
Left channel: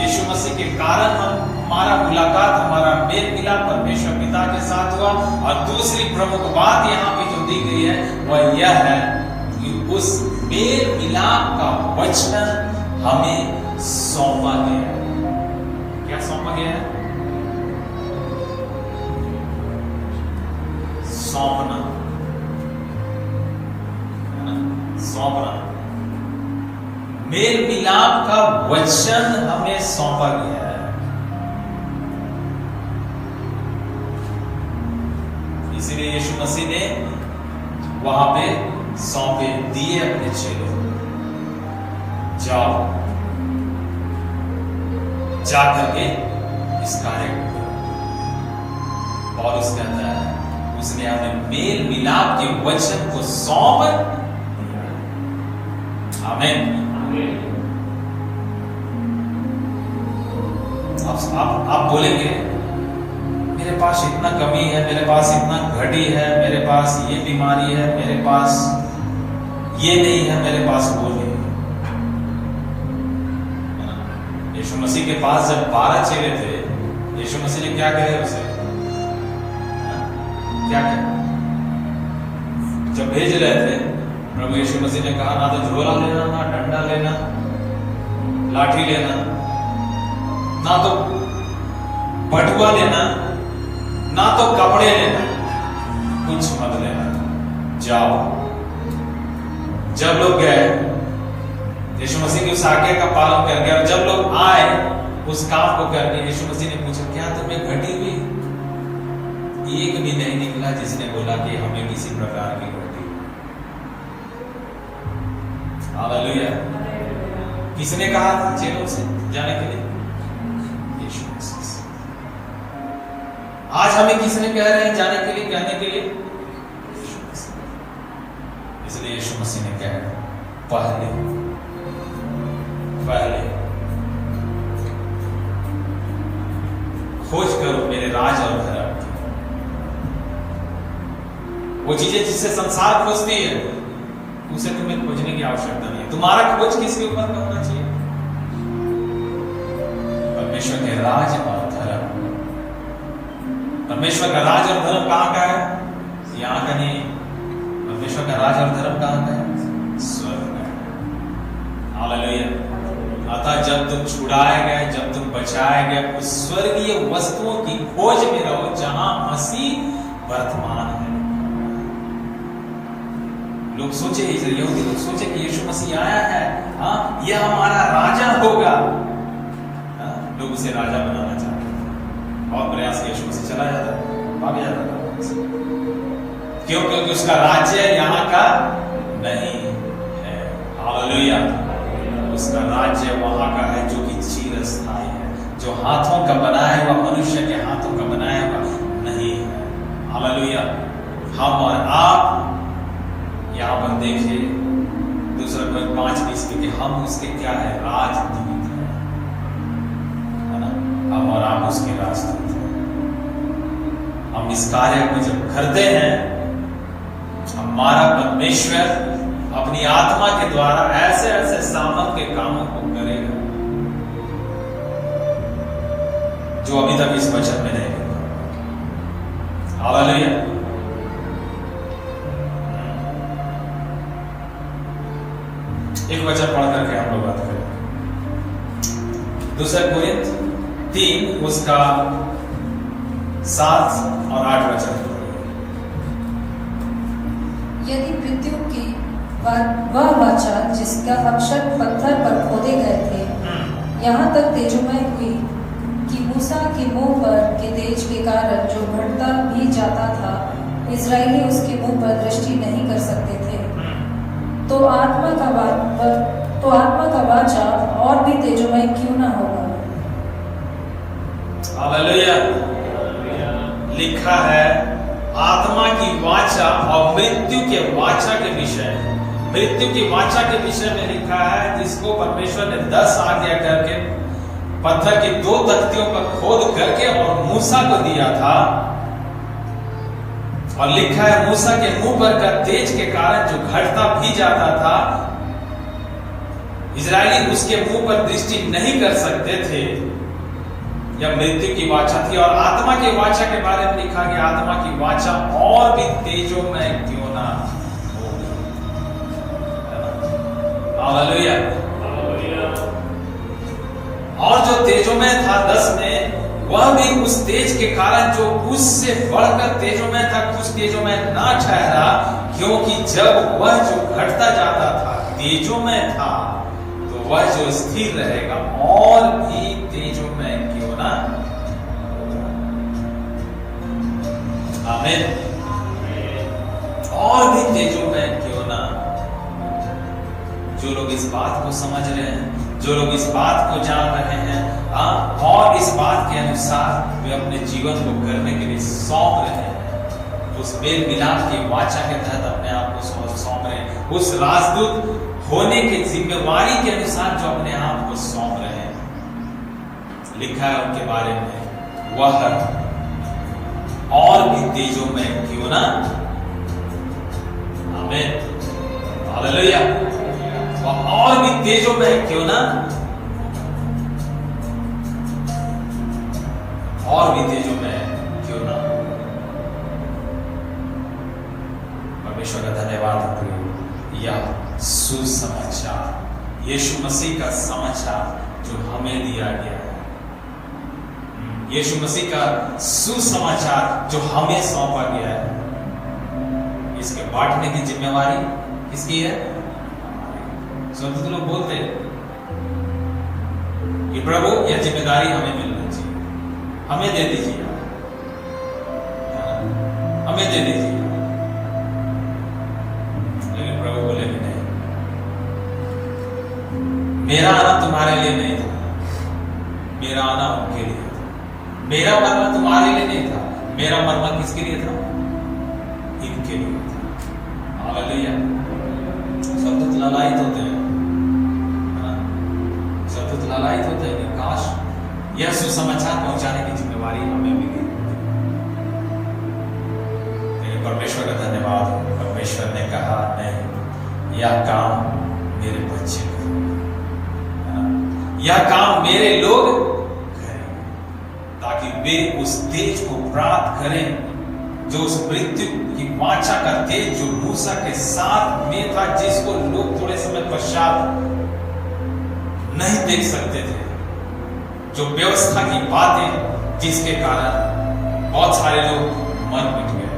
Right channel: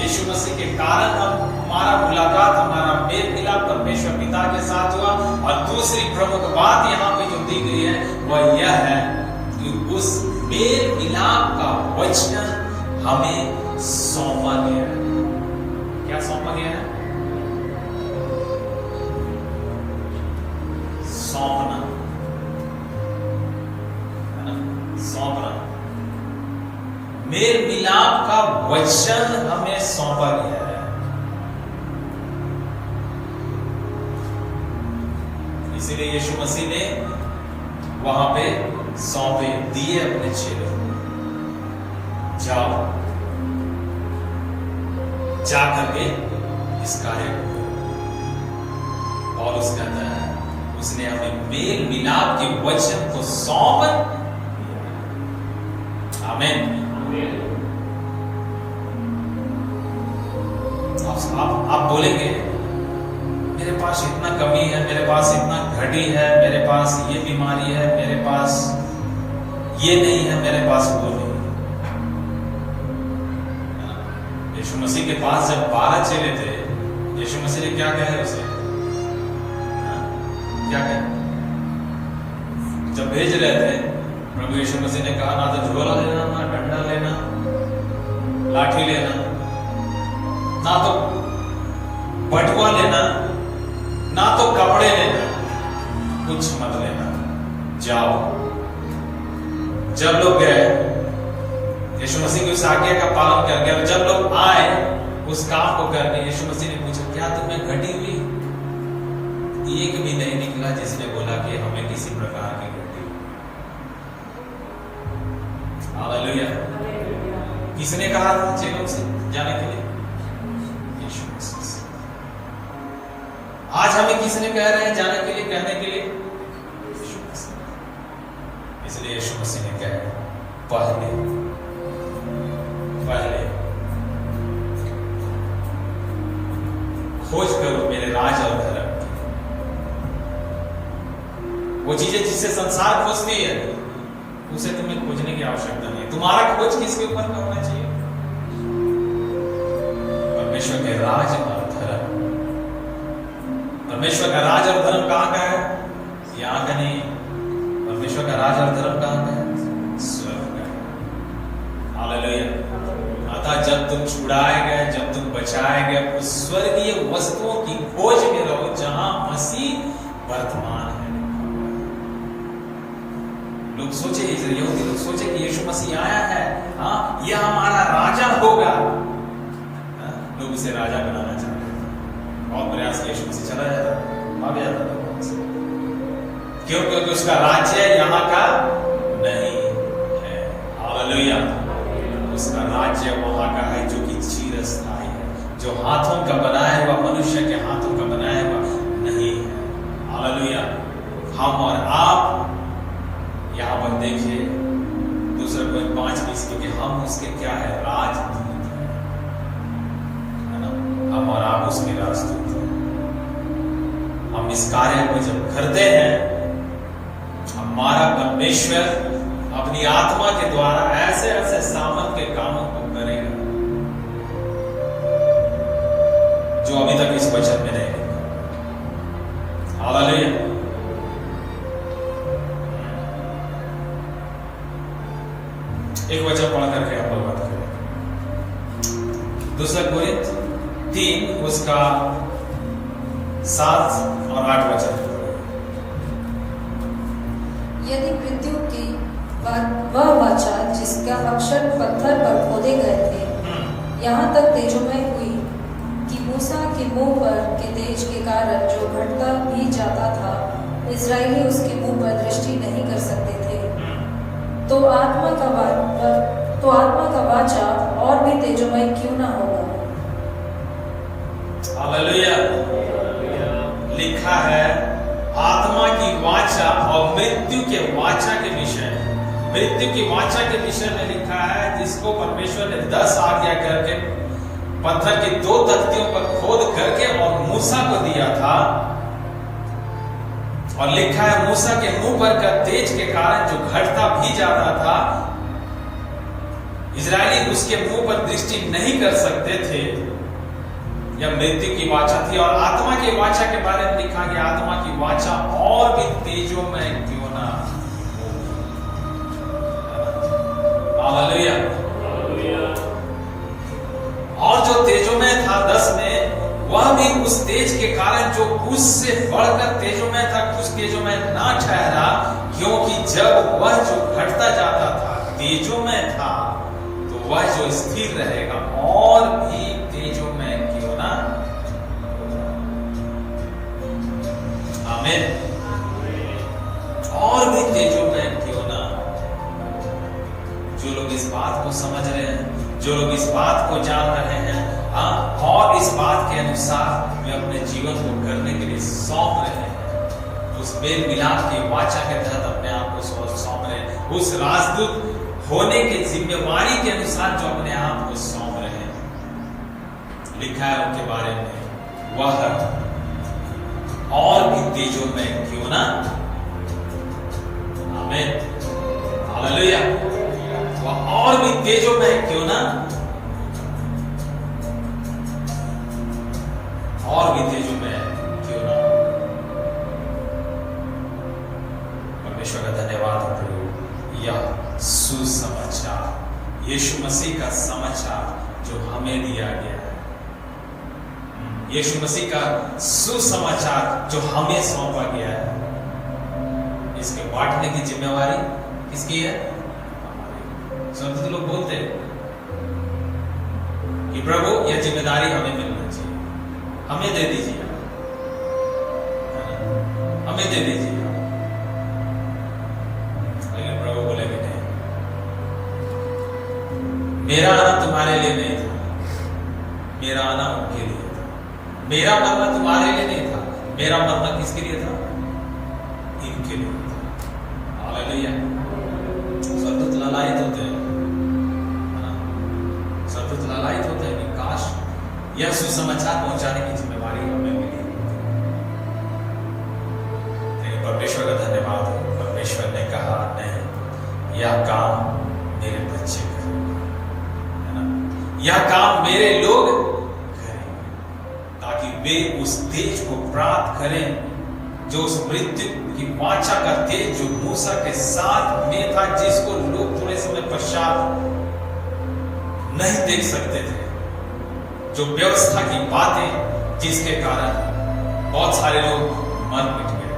यीशु मसीह के कारण हमारा मुलाकात, हमारा मेल मिलाप परमेश्वर पिता के साथ हुआ। और दूसरी प्रमुख बात यहाँ पे जो दी गई है वह यह है कि उस मेल मिलाप का वचन हमें सौंपा गया। क्या सौंपा गया है? सौंपना, है ना? सौंपना। मेल मिलाप का वचन हमें सौंपा गया है। इसीलिए यीशु मसीह ने वहां पे सौंपे दिए अपने चेलों, जाओ जाकर के इस कार्य को करो। पौलुस कहता है उसने हमें मेल मिलाप के वचन को सौंप दिया। आमीन। आप बोलेंगे मेरे पास इतना कमी है, मेरे पास इतना घटी है, मेरे पास ये बीमारी है, मेरे पास ये नहीं है, मेरे पास वो नहीं है। यीशु मसीह के पास जब 12 चेले थे, यीशु मसीह ने क्या कहे उसे? क्या कहे? जब भेज रहे थे, प्रभु यीशु मसीह ने कहा, ना तो झोला लेना, ना डंडा लेना, लाठी लेना, ना तो बटुआ लेना, ना तो कपड़े लेना, कुछ मत लेना, जाओ। जब लोग गए, यीशु मसीह की उस आज्ञा का पालन करके, और जब लोग आए उस काम को करके, यीशु मसीह ने पूछा, क्या तुम्हें घटी हुई? एक भी नहीं निकला जिसने बोला कि हमें किसी प्रकार की घटी। हालेलुया। किसने कहा था चेलों से जाने के लिए? यीशु मसीह। आज हमें किसने कह रहे हैं जाने के लिए, कहने के लिए? यीशु मसीह। इसलिए यीशु मसीह ने कहा, पहले खोज करो मेरे राज और धर्म की। वो चीजें जिससे संसार खोजती है, उसे तुम्हें खोजने की आवश्यकता नहीं। तुम्हारा खोज किसके ऊपर होना चाहिए? परमेश्वर के राज और धर्म। परमेश्वर का राज और धर्म कहां का है? यहां का नहीं। परमेश्वर का राज और धर्म कहां का है? स्वर्ग का है। हालेलुया। अतः जब तुम छुड़ाए गए, जब तुम बचाए गए, उस स्वर्गीय वस्तुओं की खोज में रहो जहां मसीह वर्तमान है। लोग सोचे, यहूदी लोग सोचे कि यीशु मसीह आया है, यह हमारा राजा होगा। लोग उसे राजा बनाना चाहते थे। बहुत प्रयास से यीशु मसीह चला जाता, भाग जाता था। क्यों? क्योंकि उसका राज्य यहाँ का नहीं है। हालेलुया। उसका राज्य वहां का है जो कि चिरस्थायी है, जो हाथों का बनाया हुआ, मनुष्य के हाथों का बनाया हुआ नहीं है। हालेलुया। हम और आप यहां पर देखिए, दूसरा पॉइंट 5:20, क्योंकि हम उसके क्या है? राजदूत है ना? हम और आप उसके राजदूत हैं। हम इस कार्य को जब करते हैं, हमारा परमेश्वर अपनी आत्मा के द्वारा ऐसे ऐसे सामर्थ के कामों को करेगा जो अभी तक इस वचन में नहीं है। हालेलुया। एक वचन पढ़ करके हम लोग बात करें। दूसरा कोरिन्थ 3 उसका 7 और 8 वचन। यदि मृत्यु की वह वाचा जिसका अक्षर पत्थर पर खोदे गए थे, यहाँ तक तेजोमय हुई कि मूसा के मुंह पर के तेज के कारण जो घटता भी जाता था, इस्राएली उसके मुंह पर दृष्टि नहीं कर सकते थे, तो आत्मा का वाचा और भी तेजोमय क्यों ना होगा। हालेलुया। लिखा है आत्मा की वाचा और मृत्यु के वाचा के विषय, मृत्यु की वाचा के विषय में लिखा है, जिसको परमेश्वर ने 10 आज्ञा करके पत्थर की 2 तख्तियों पर खोद करके और मूसा को दिया था। और लिखा है मूसा के मुंह पर का तेज के कारण जो घटता भी जाता था, इजरायली उसके मुंह पर दृष्टि नहीं कर सकते थे। यह मृत्यु की वाचा थी। और आत्मा की वाचा के बारे में लिखा गया, आत्मा की वाचा और भी तेजोमय क्यों ना हो। हालेलुया। और जो तेजोमय था 10 में, वह भी उस तेज के कारण जो उससे बढ़कर तेजोमय था, कुछ तेजोमय ना ठहरा, क्योंकि जब वह जो घटता जाता था तेजोमय था, तो वह जो स्थिर रहेगा और भी तेजोमय क्यों ना। आमीन। और भी तेजोमय क्यों ना। जो लोग इस बात को समझ रहे हैं, जो लोग इस बात को जान रहे हैं, और इस बात के अनुसार वे अपने जीवन को करने के लिए सौंप रहे हैं, उस मेल मिलाप के वाचा के तहत अपने आप को सौंप रहे हैं, उस राजदूत होने की जिम्मेवारी के अनुसार जो अपने आप को सौंप रहे हैं। लिखा है उनके बारे में, वह तेजोमय क्यों ना, आमीन, हालेलुया, वह और भी तेजोमय क्यों ना, और भी तेजोमय क्यों ना। परमेश्वर का धन्यवाद प्रभु। यह सुसमाचार यीशु मसीह का समाचार जो हमें दिया गया है, यीशु मसीह का सुसमाचार जो हमें सौंपा गया है, इसके बांटने की जिम्मेवारी किसकी है? संत लोग बोलते हैं कि प्रभु यह जिम्मेदारी हमें मिलना चाहिए, हमें दे दीजिए, हमें दे दीजिए। लेकिन प्रभु बोले कि नहीं, मेरा आना तुम्हारे लिए नहीं था, मेरा आना उनके लिए था, मेरा मरना तुम्हारे लिए नहीं था, मेरा मरना किसके लिए था? इनके लिए था। हालेलुया। सतुत लालायित होते हैं, सतुत लालायित होते हैं कि काश यह सुसमाचार पहुंचाने की जिम्मेवारी हमें मिली। लेकिन परमेश्वर का धन्यवाद, परमेश्वर ने कहा नहीं, यह काम मेरे बच्चे करेंगे, यह काम मेरे लोग करेंगे, ताकि वे उस तेज को प्राप्त करें जो उस मृत्यु की वाचा का तेज जो मूसा के साथ में था, जिसको लोग थोड़े समय पश्चात नहीं देख सकते थे, जो व्यवस्था की बातें जिसके कारण बहुत सारे लोग मन मिट गए।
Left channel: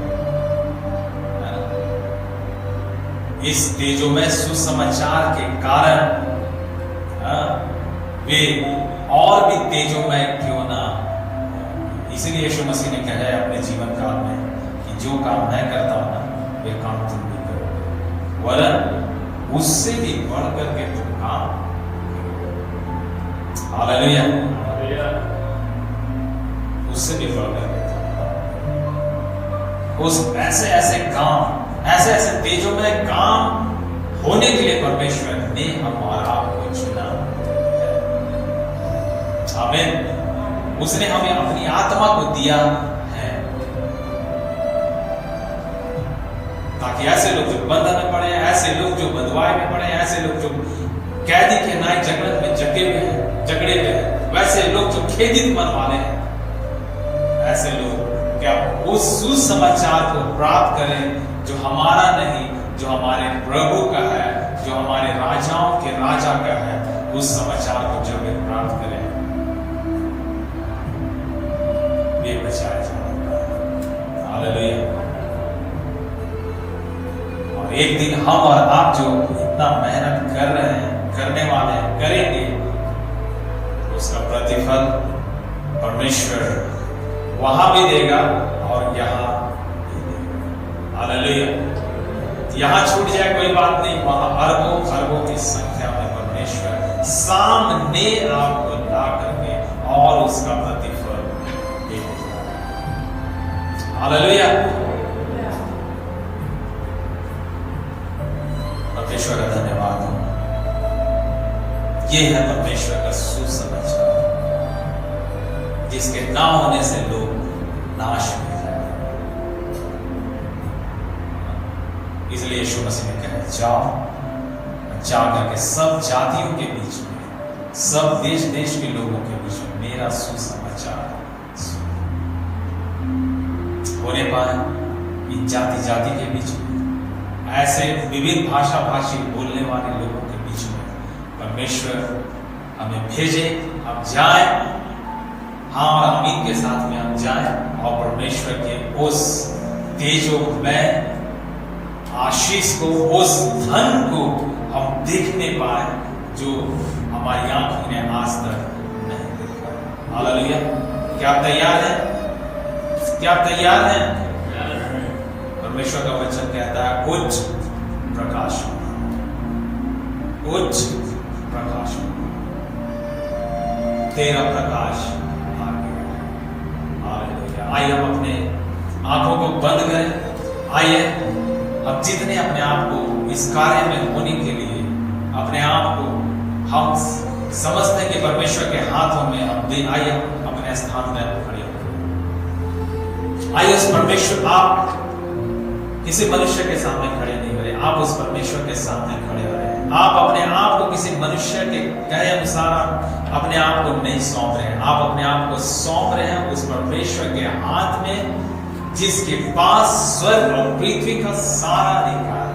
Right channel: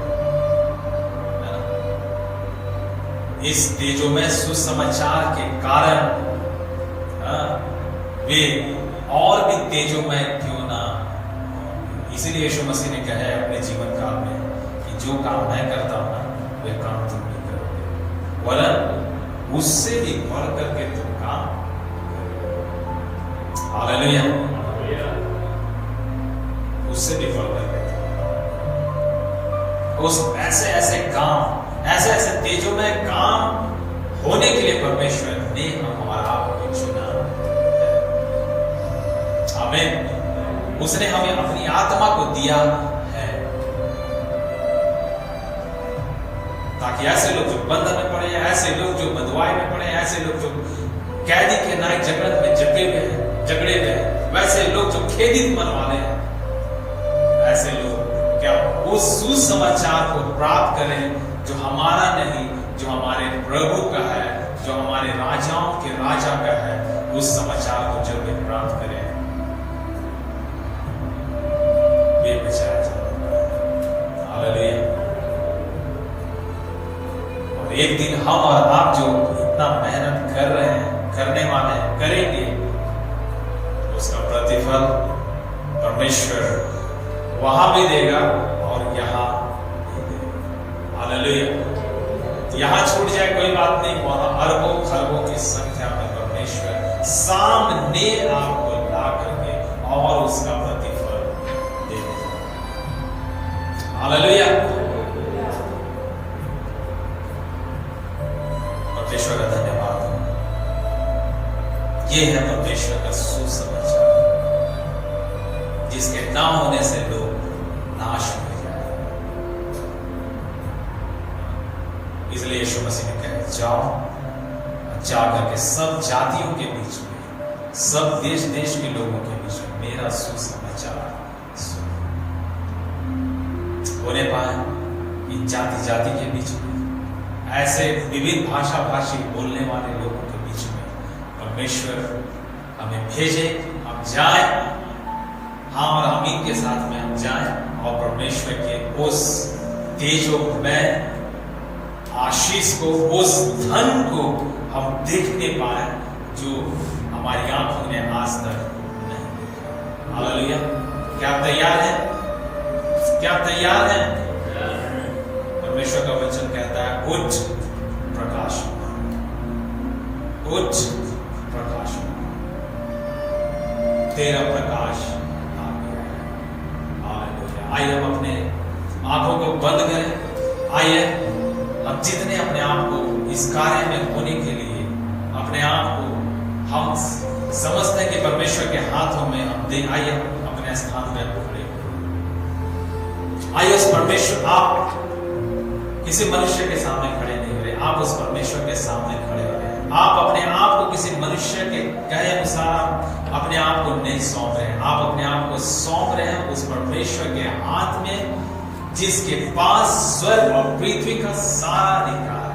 इस तेजोमय सुसमाचार के कारण वे और भी तेजोमय क्यों ना। इसलिए यीशु मसीह ने कहा है अपने जीवन काल में कि जो काम मैं करता हूं ना, वे काम तुम भी करोगे, वरन उससे भी बढ़ करके तुम काम करोगे। हालेलुया, उससे भी बढ़ करके उस ऐसे ऐसे काम, ऐसे ऐसे तेजोमय काम होने के लिए परमेश्वर ने हमारा आपको चुना। आमीन। उसने हमें अपनी आत्मा को दिया है, ताकि ऐसे लोग जो बंधन में पड़े, ऐसे लोग जो बंधुआई में पड़े, ऐसे लोग जो कैदी के नायक जगत में झगड़े हुए हैं, वैसे लोग जो खेदित मन वाले हैं, ऐसे लोग क्या उस सुसमाचार को प्राप्त करें जो हमारा नहीं, जो हमारे प्रभु का है, जो हमारे राजाओं के राजा का है। उस समाचार को जब वे प्राप्त करें, वे बचाया जाएगा। हालेलुया। और एक दिन हम और आप जो इतना मेहनत कर रहे हैं, करने वाले हैं, करेंगे, उसका प्रतिफल परमेश्वर वहां भी देगा और यहां भी देगा। हालेलुया। यहां छूट जाए कोई बात नहीं, वहां अरबों खरबों की संख्या में परमेश्वर सामने आपको ला करके और उसका प्रतिफल देने जा रहा है। हालेलुया। परमेश्वर का धन्यवाद। ये है परमेश्वर का सुसमाचार, जिसके ना होने से लोग नाश हो जाएंगे। इसलिए यीशु मसीह ने कहा, जाओ, जा करके सब जातियों के बीच में, सब देश देश के लोगों के बीच में मेरा सुसमाचार सुनो। होने पाए इन जाति जाति के बीच में, ऐसे विविध भाषा भाषी बोलने वाले लोगों के बीच में परमेश्वर हमें भेजे, हम जाए, हाँ, और हम इनके साथ में हम जाएं और परमेश्वर के उस तेजोमय आशीष को, उस धन को हम देखने पाए जो हमारी आंखों ने आज तक नहीं देखा। हालेलुया। क्या आप तैयार हैं? क्या आप तैयार हैं? परमेश्वर का वचन कहता है, उच्च प्रकाश, उच्च प्रकाश, तेरा प्रकाश आ गया। हालेलुया। आइए हम अपने आंखों को बंद करें। आइए अब जितने अपने आप को इस कार्य में होने के लिए अपने आप को हम समझते हैं कि परमेश्वर के हाथों में हम दे, आइए अपने स्थान पर खड़े हो आइए उस परमेश्वर, आप किसी मनुष्य के सामने खड़े नहीं हो रहे, आप उस परमेश्वर के सामने खड़े हो रहे हैं। आप अपने आप को किसी मनुष्य के कहे अनुसार अपने आप को नहीं सौंप रहे हैं, आप अपने आप को सौंप रहे हैं उस परमेश्वर के हाथ में, जिसके पास स्वर्ग और पृथ्वी का सारा अधिकार है।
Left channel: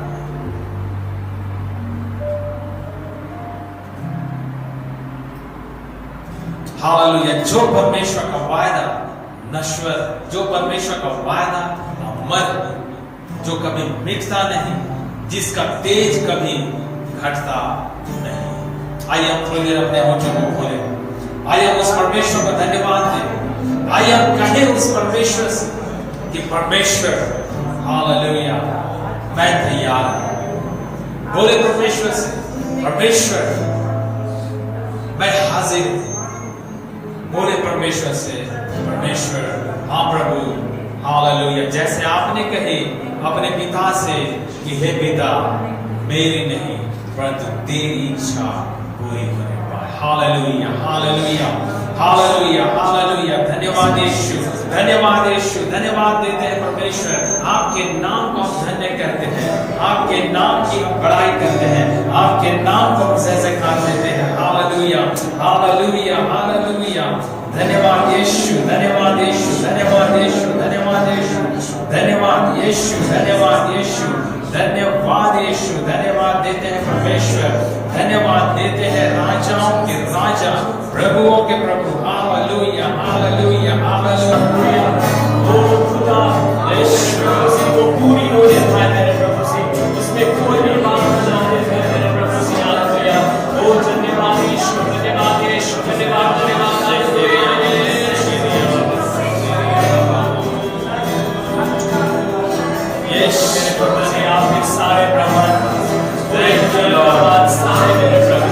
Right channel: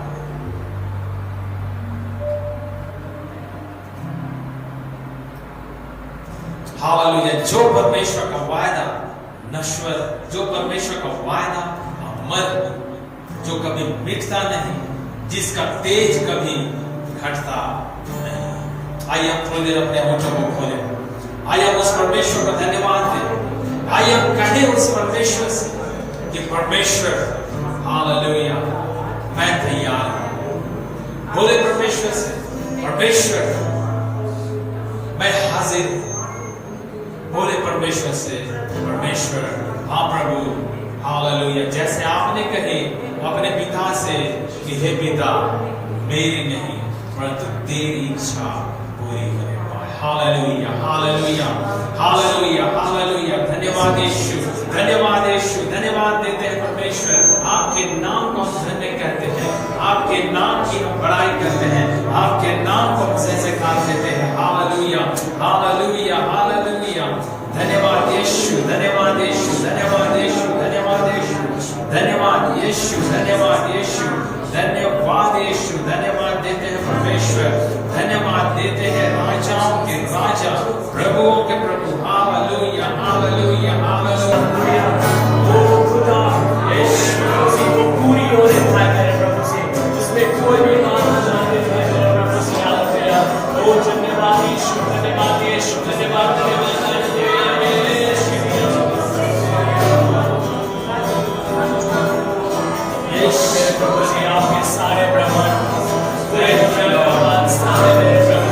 हालेलुया। जो परमेश्वर का वायदा नश्वर, जो परमेश्वर का वायदा अमर, जो कभी मिटता नहीं, जिसका तेज कभी घटता नहीं। आइए हम थोड़ी देर अपने होठों को खोलें, आइए हम उस परमेश्वर को धन्यवाद दें, आइए हम कहें उस परमेश्वर से कि परमेश्वर हालेलुया मैं तैयार हूं। बोले परमेश्वर से, परमेश्वर मैं हाजिर हूं। बोले परमेश्वर से, परमेश्वर हाँ प्रभु हालेलुया। जैसे आपने कहे अपने पिता से कि हे पिता मेरी नहीं परंतु तेरी इच्छा पूरी होने पाए। हालेलुया हालेलुया हालेलुया हालेलुया। धन्यवाद यीशु, धन्यवाद यीशु, धन्यवाद देते हैं परमेश्वर। आपके नाम को हम धन्य करते हैं, आपके नाम की हम बड़ाई करते हैं, आपके नाम को हम जयजयकार देते हैं। हालेलुया हालेलुया हालेलुया। धन्यवाद यीशु, धन्यवाद यीशु, धन्यवाद यीशु, धन्यवाद यीशु, धन्यवाद यीशु, धन्यवाद यीशु, धन्यवाद यीशु। धन्यवाद देते हैं परमेश्वर, धन्यवाद देते हैं राजाओं के राजा, प्रभुओं के प्रभु। हालेलुया हालेलुया हालेलुया। ओ खुदा यीशु वो पूरी होने पाए मेरे प्रभु से, उसमें कोई भी बात न जाने मेरे प्रभु से। हालेलुया। ओ धन्यवाद यीशु, धन्यवाद यीशु, धन्यवाद धन्यवाद हालेलुया। यीशु मेरे प्रभु से आपके सारे ब्रह्मांड पूरे धन्यवाद सारे मेरे प्रभु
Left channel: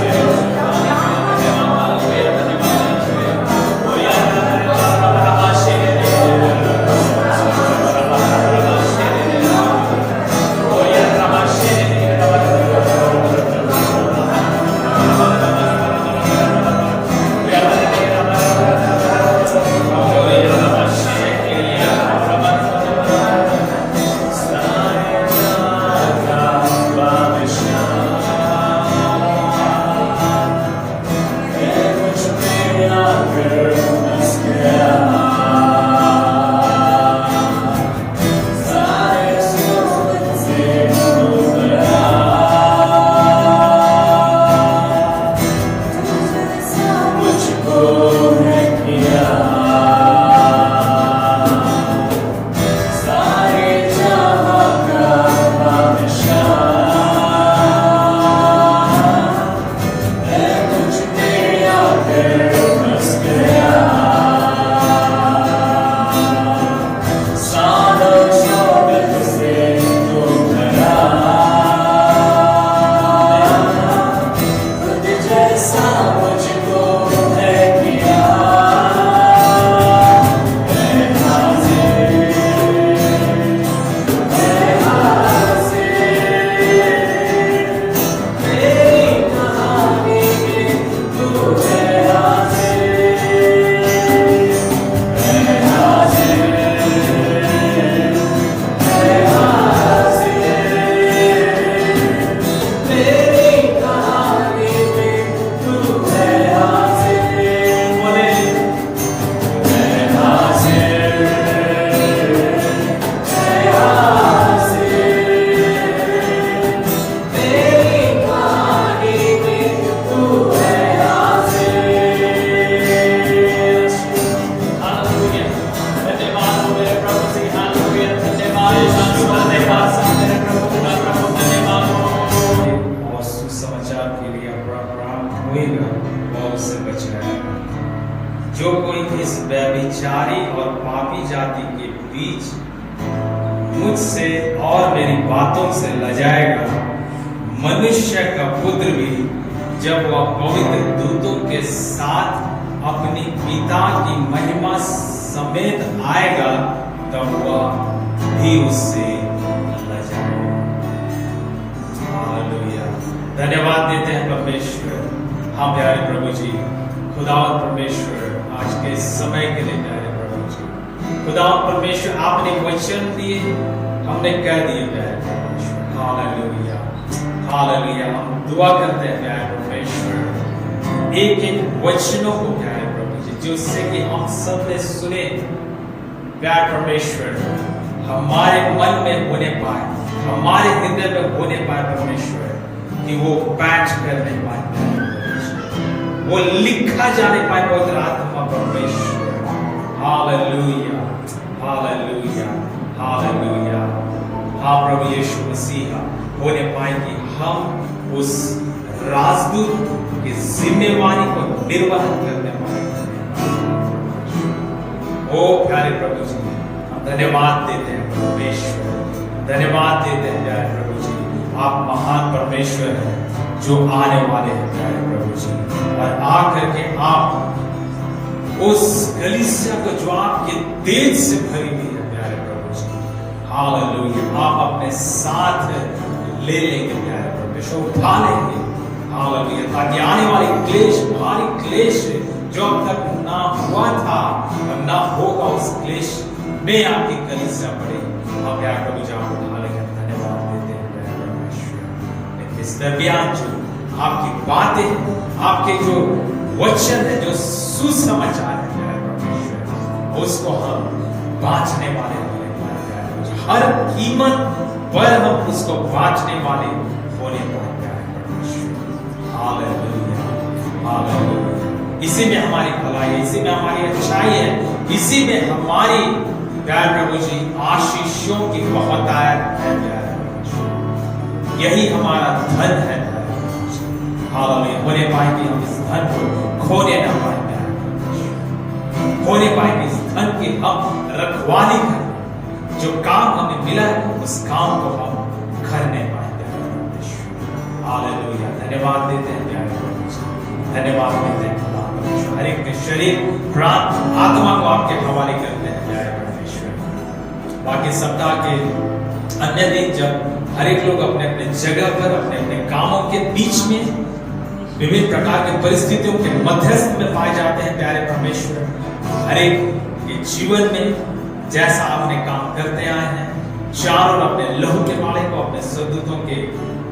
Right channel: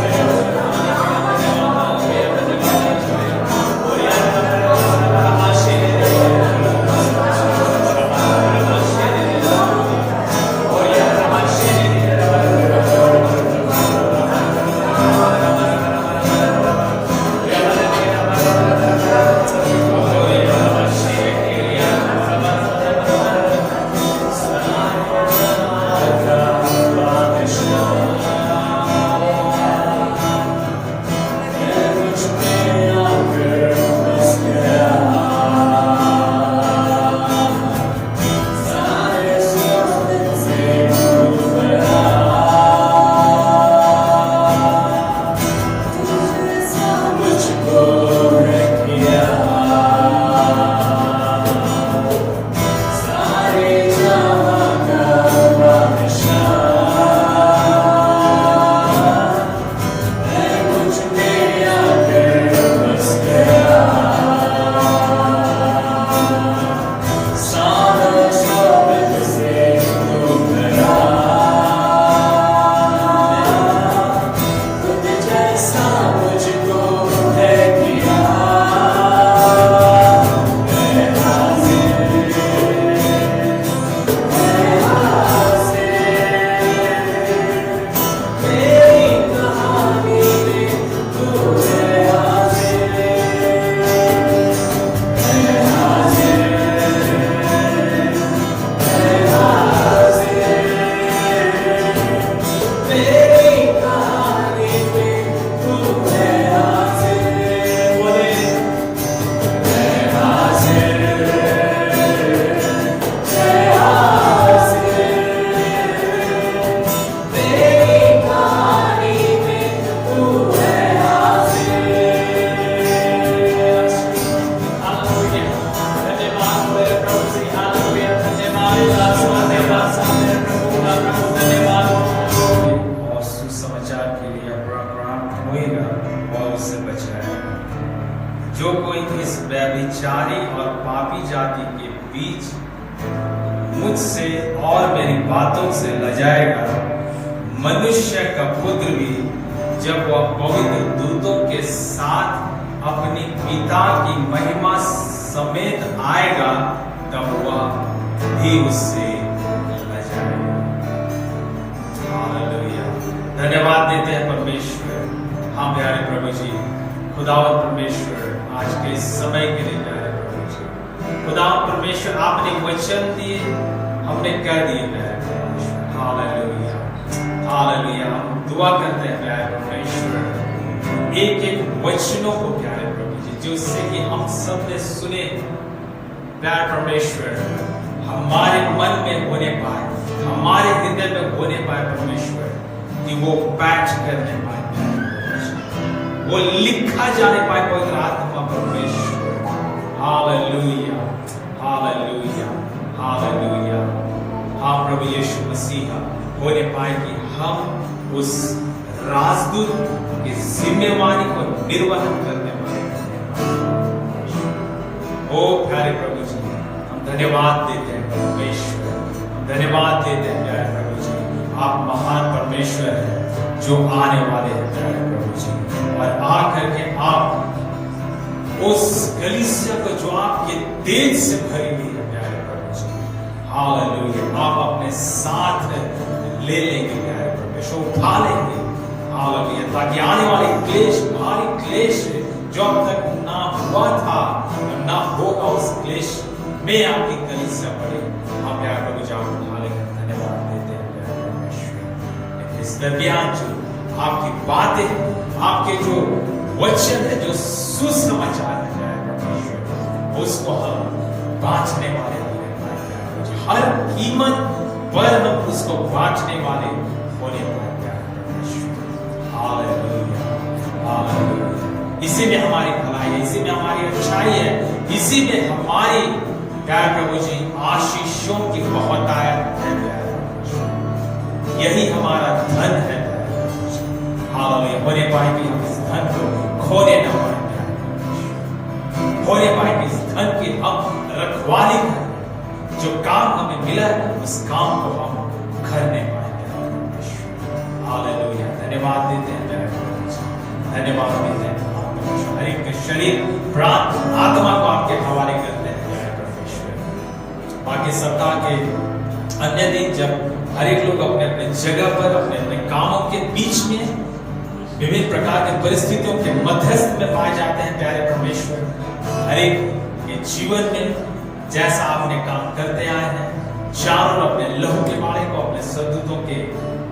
जो कोई इस व्यभिचारी और पापी जाति के बीच मुझसे और मेरी बातों से लजाएगा, मनुष्य का पुत्र भी जब वह पवित्र दूतों के साथ अपनी पिता की महिमा समेत आएगा तब वह भी उससे लजाएगा। हालेलुया। धन्यवाद देते हैं परमेश्वर। हाँ प्यारे प्रभु जी, खुदावंद परमेश्वर, आज के समय के लिए प्यारे प्रभु जी खुदा परमेश्वर आपने वचन दिए, हमने कह दिए प्यारे परमेश्वर। Hallelujah, hallelujah. हम दुआ करते हैं प्यारे परमेश्वर, एक एक वचनों को प्यारे प्रभु जी, जिससे कि हम सब ने सुने प्यारे परमेश्वर, हमारे मन में होने पाए, हमारे हृदय में होने पाए परमेश्वर, कि वो पैच करने पाए प्यारे परमेश्वर, वो लिखा जाने पाए पवित्र आत्मा परमेश्वर। हालेलुया, हालेलुया, हालेलुया। हाँ प्रभु यीशु मसीह, होने पाए कि हम उस राजदूत की जिम्मेवारी को निर्वहन करने वाले ओ प्यारे प्रभु जी, हम धन्यवाद देते हैं परमेश्वर, धन्यवाद देते हैं प्यारे प्रभु जी। आप महान परमेश्वर हैं जो आने वाले हैं प्यारे प्रभु जी, और आकर के आप उस कलीसिया को जो आपके तेज से भरी हुई है प्यारे प्रभु जी, हालेलुया, आप अपने साथ ले लेंगे प्यारे परमेश्वर, उठा लेंगे, हालेलुया, ताकि आने वाले क्लेश, भारी क्लेश जो अब तक ना हुआ था और ना होगा, उस क्लेश में आपकी कलीसिया पड़े, आप प्यारे प्रभु जी आप उठा लेंगे। धन्यवाद देते हैं प्यारे परमेश्वर। इस दरमियान जो आपकी बातें, आपके जो वचन है, जो सुसमाचार है प्यारे परमेश्वर, उसको हम बांटने वाले होने पाए प्यारे प्रभु जी, हर कीमत पर हम उसको बांटने वाले होने पाए प्यारे परमेश्वर। Hallelujah, hallelujah. इसी में हमारी भलाई है, इसी में हमारी अच्छाई है, इसी में हमारी प्यारे प्रभु जी आशीषों की बहुतायत है प्यारे प्रभु जी, यही हमारा धन है प्यारे प्रभु जी। हालेलुया, होने पाए कि हम इस धन को खोने ना पाए प्यारे प्रभु जी, होने पाए कि इस धन की हम रखवाली करें, जो काम हमें मिला है उस काम को हम करने पाए प्यारे प्रभु जी। हालेलुया, धन्यवाद देते हैं प्यारे प्रभु जी, धन्यवाद देते हैं हर एक के शरीर, प्राण, आत्मा को आपके हवाले करते हैं प्यारे परमेश्वर। बाकी सप्ताह के अन्य दिन जब हर एक लोग अपने अपने जगह पर, अपने अपने कामों के बीच में, विभिन्न प्रकार के परिस्थितियों के मध्यस्थ में पाए जाते हैं प्यारे परमेश्वर, हर एक के जीवन में जैसा आपने काम करते आए हैं, चारों अपने लहू के बाड़े को, अपने सदूतों के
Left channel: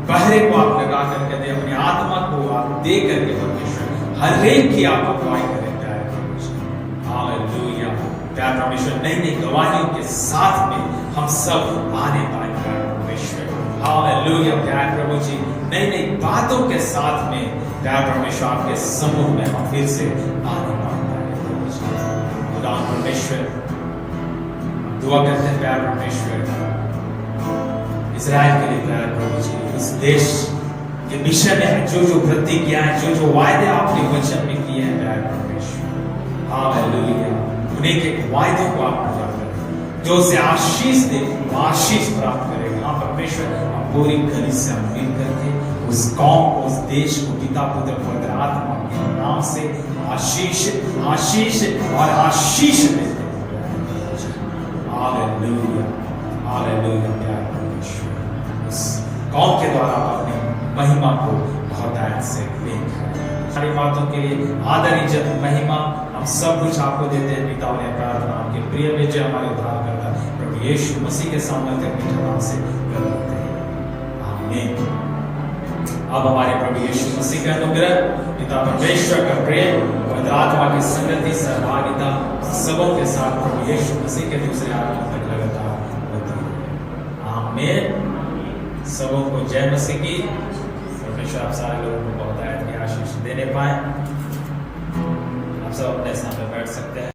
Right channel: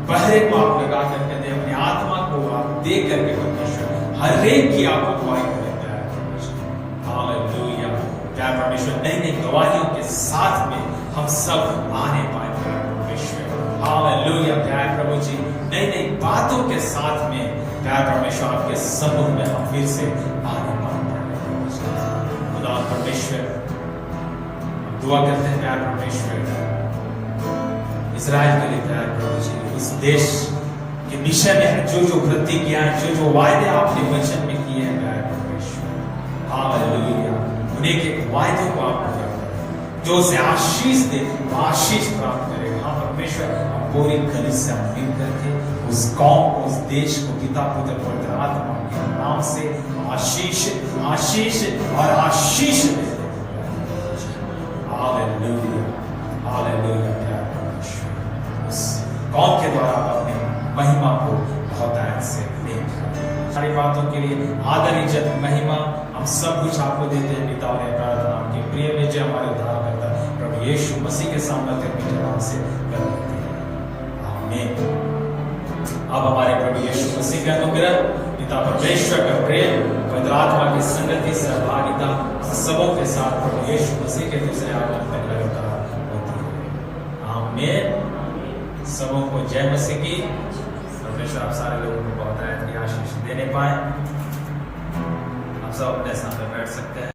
पहरे को आप लगा करके दे, अपनी आत्मा को आप दे करके परमेश्वर हर एक की आप अगुवाई करें प्यारे परमेश्वर। हालेलुया, प्यारे परमेश्वर, नई नई गवाहियों के साथ में हम सब आने पाए प्यारे परमेश्वर। हालेलुया, प्यारे प्रभु जी, नई नई बातों के साथ में प्यारे परमेश्वर आपके समूह में हम फिर से आने पाए प्यारे प्रभु जी। खुदा परमेश्वर, दुआ करते हैं प्यारे परमेश्वर इस्राएल के लिए प्यारे प्रभु जी, उस देश के विषय में जो जो प्रतिज्ञाएं, जो जो वायदे आपने वचन में किए हैं प्यारे परमेश्वर। हालेलुया, उन्हीं के वायदे को आप पूरा करें, जो उसे आशीष दे आशीष प्राप्त करेगा। हाँ परमेश्वर, हम पूरी कलीसिया मिल करके उस कौम को, उस देश को पिता पुत्र पवित्र आत्मा के नाम से आशीष, आशीष और आशीष देते हैं। हालेलुया, हालेलुया, प्यारे परमेश्वर, उस कौम के द्वारा अपने महिमा को बहुतायत से लेकर सारी बातों के लिए आदर, इज्जत, महिमा हम सब कुछ आपको देते हैं पिता, और प्रार्थना आपके प्रिय बेटे हमारे उद्धार करता प्रभु यीशु मसीह के सामर्थ्य मीठे नाम से कर देते हैं, आमीन। अब हमारे प्रभु यीशु मसीह का अनुग्रह, पिता परमेश्वर का प्रेम, पवित्र आत्मा की संगति, सहभागिता सबों के साथ प्रभु यीशु मसीह के दूसरे आगमन तक लगातार होती है, आमीन। सबों को जय मसीह की। परमेश्वर आप सारे लोगों को बहुतायत की आशीष देने पाए। आप सब अपने सामने बैठ सकते हैं।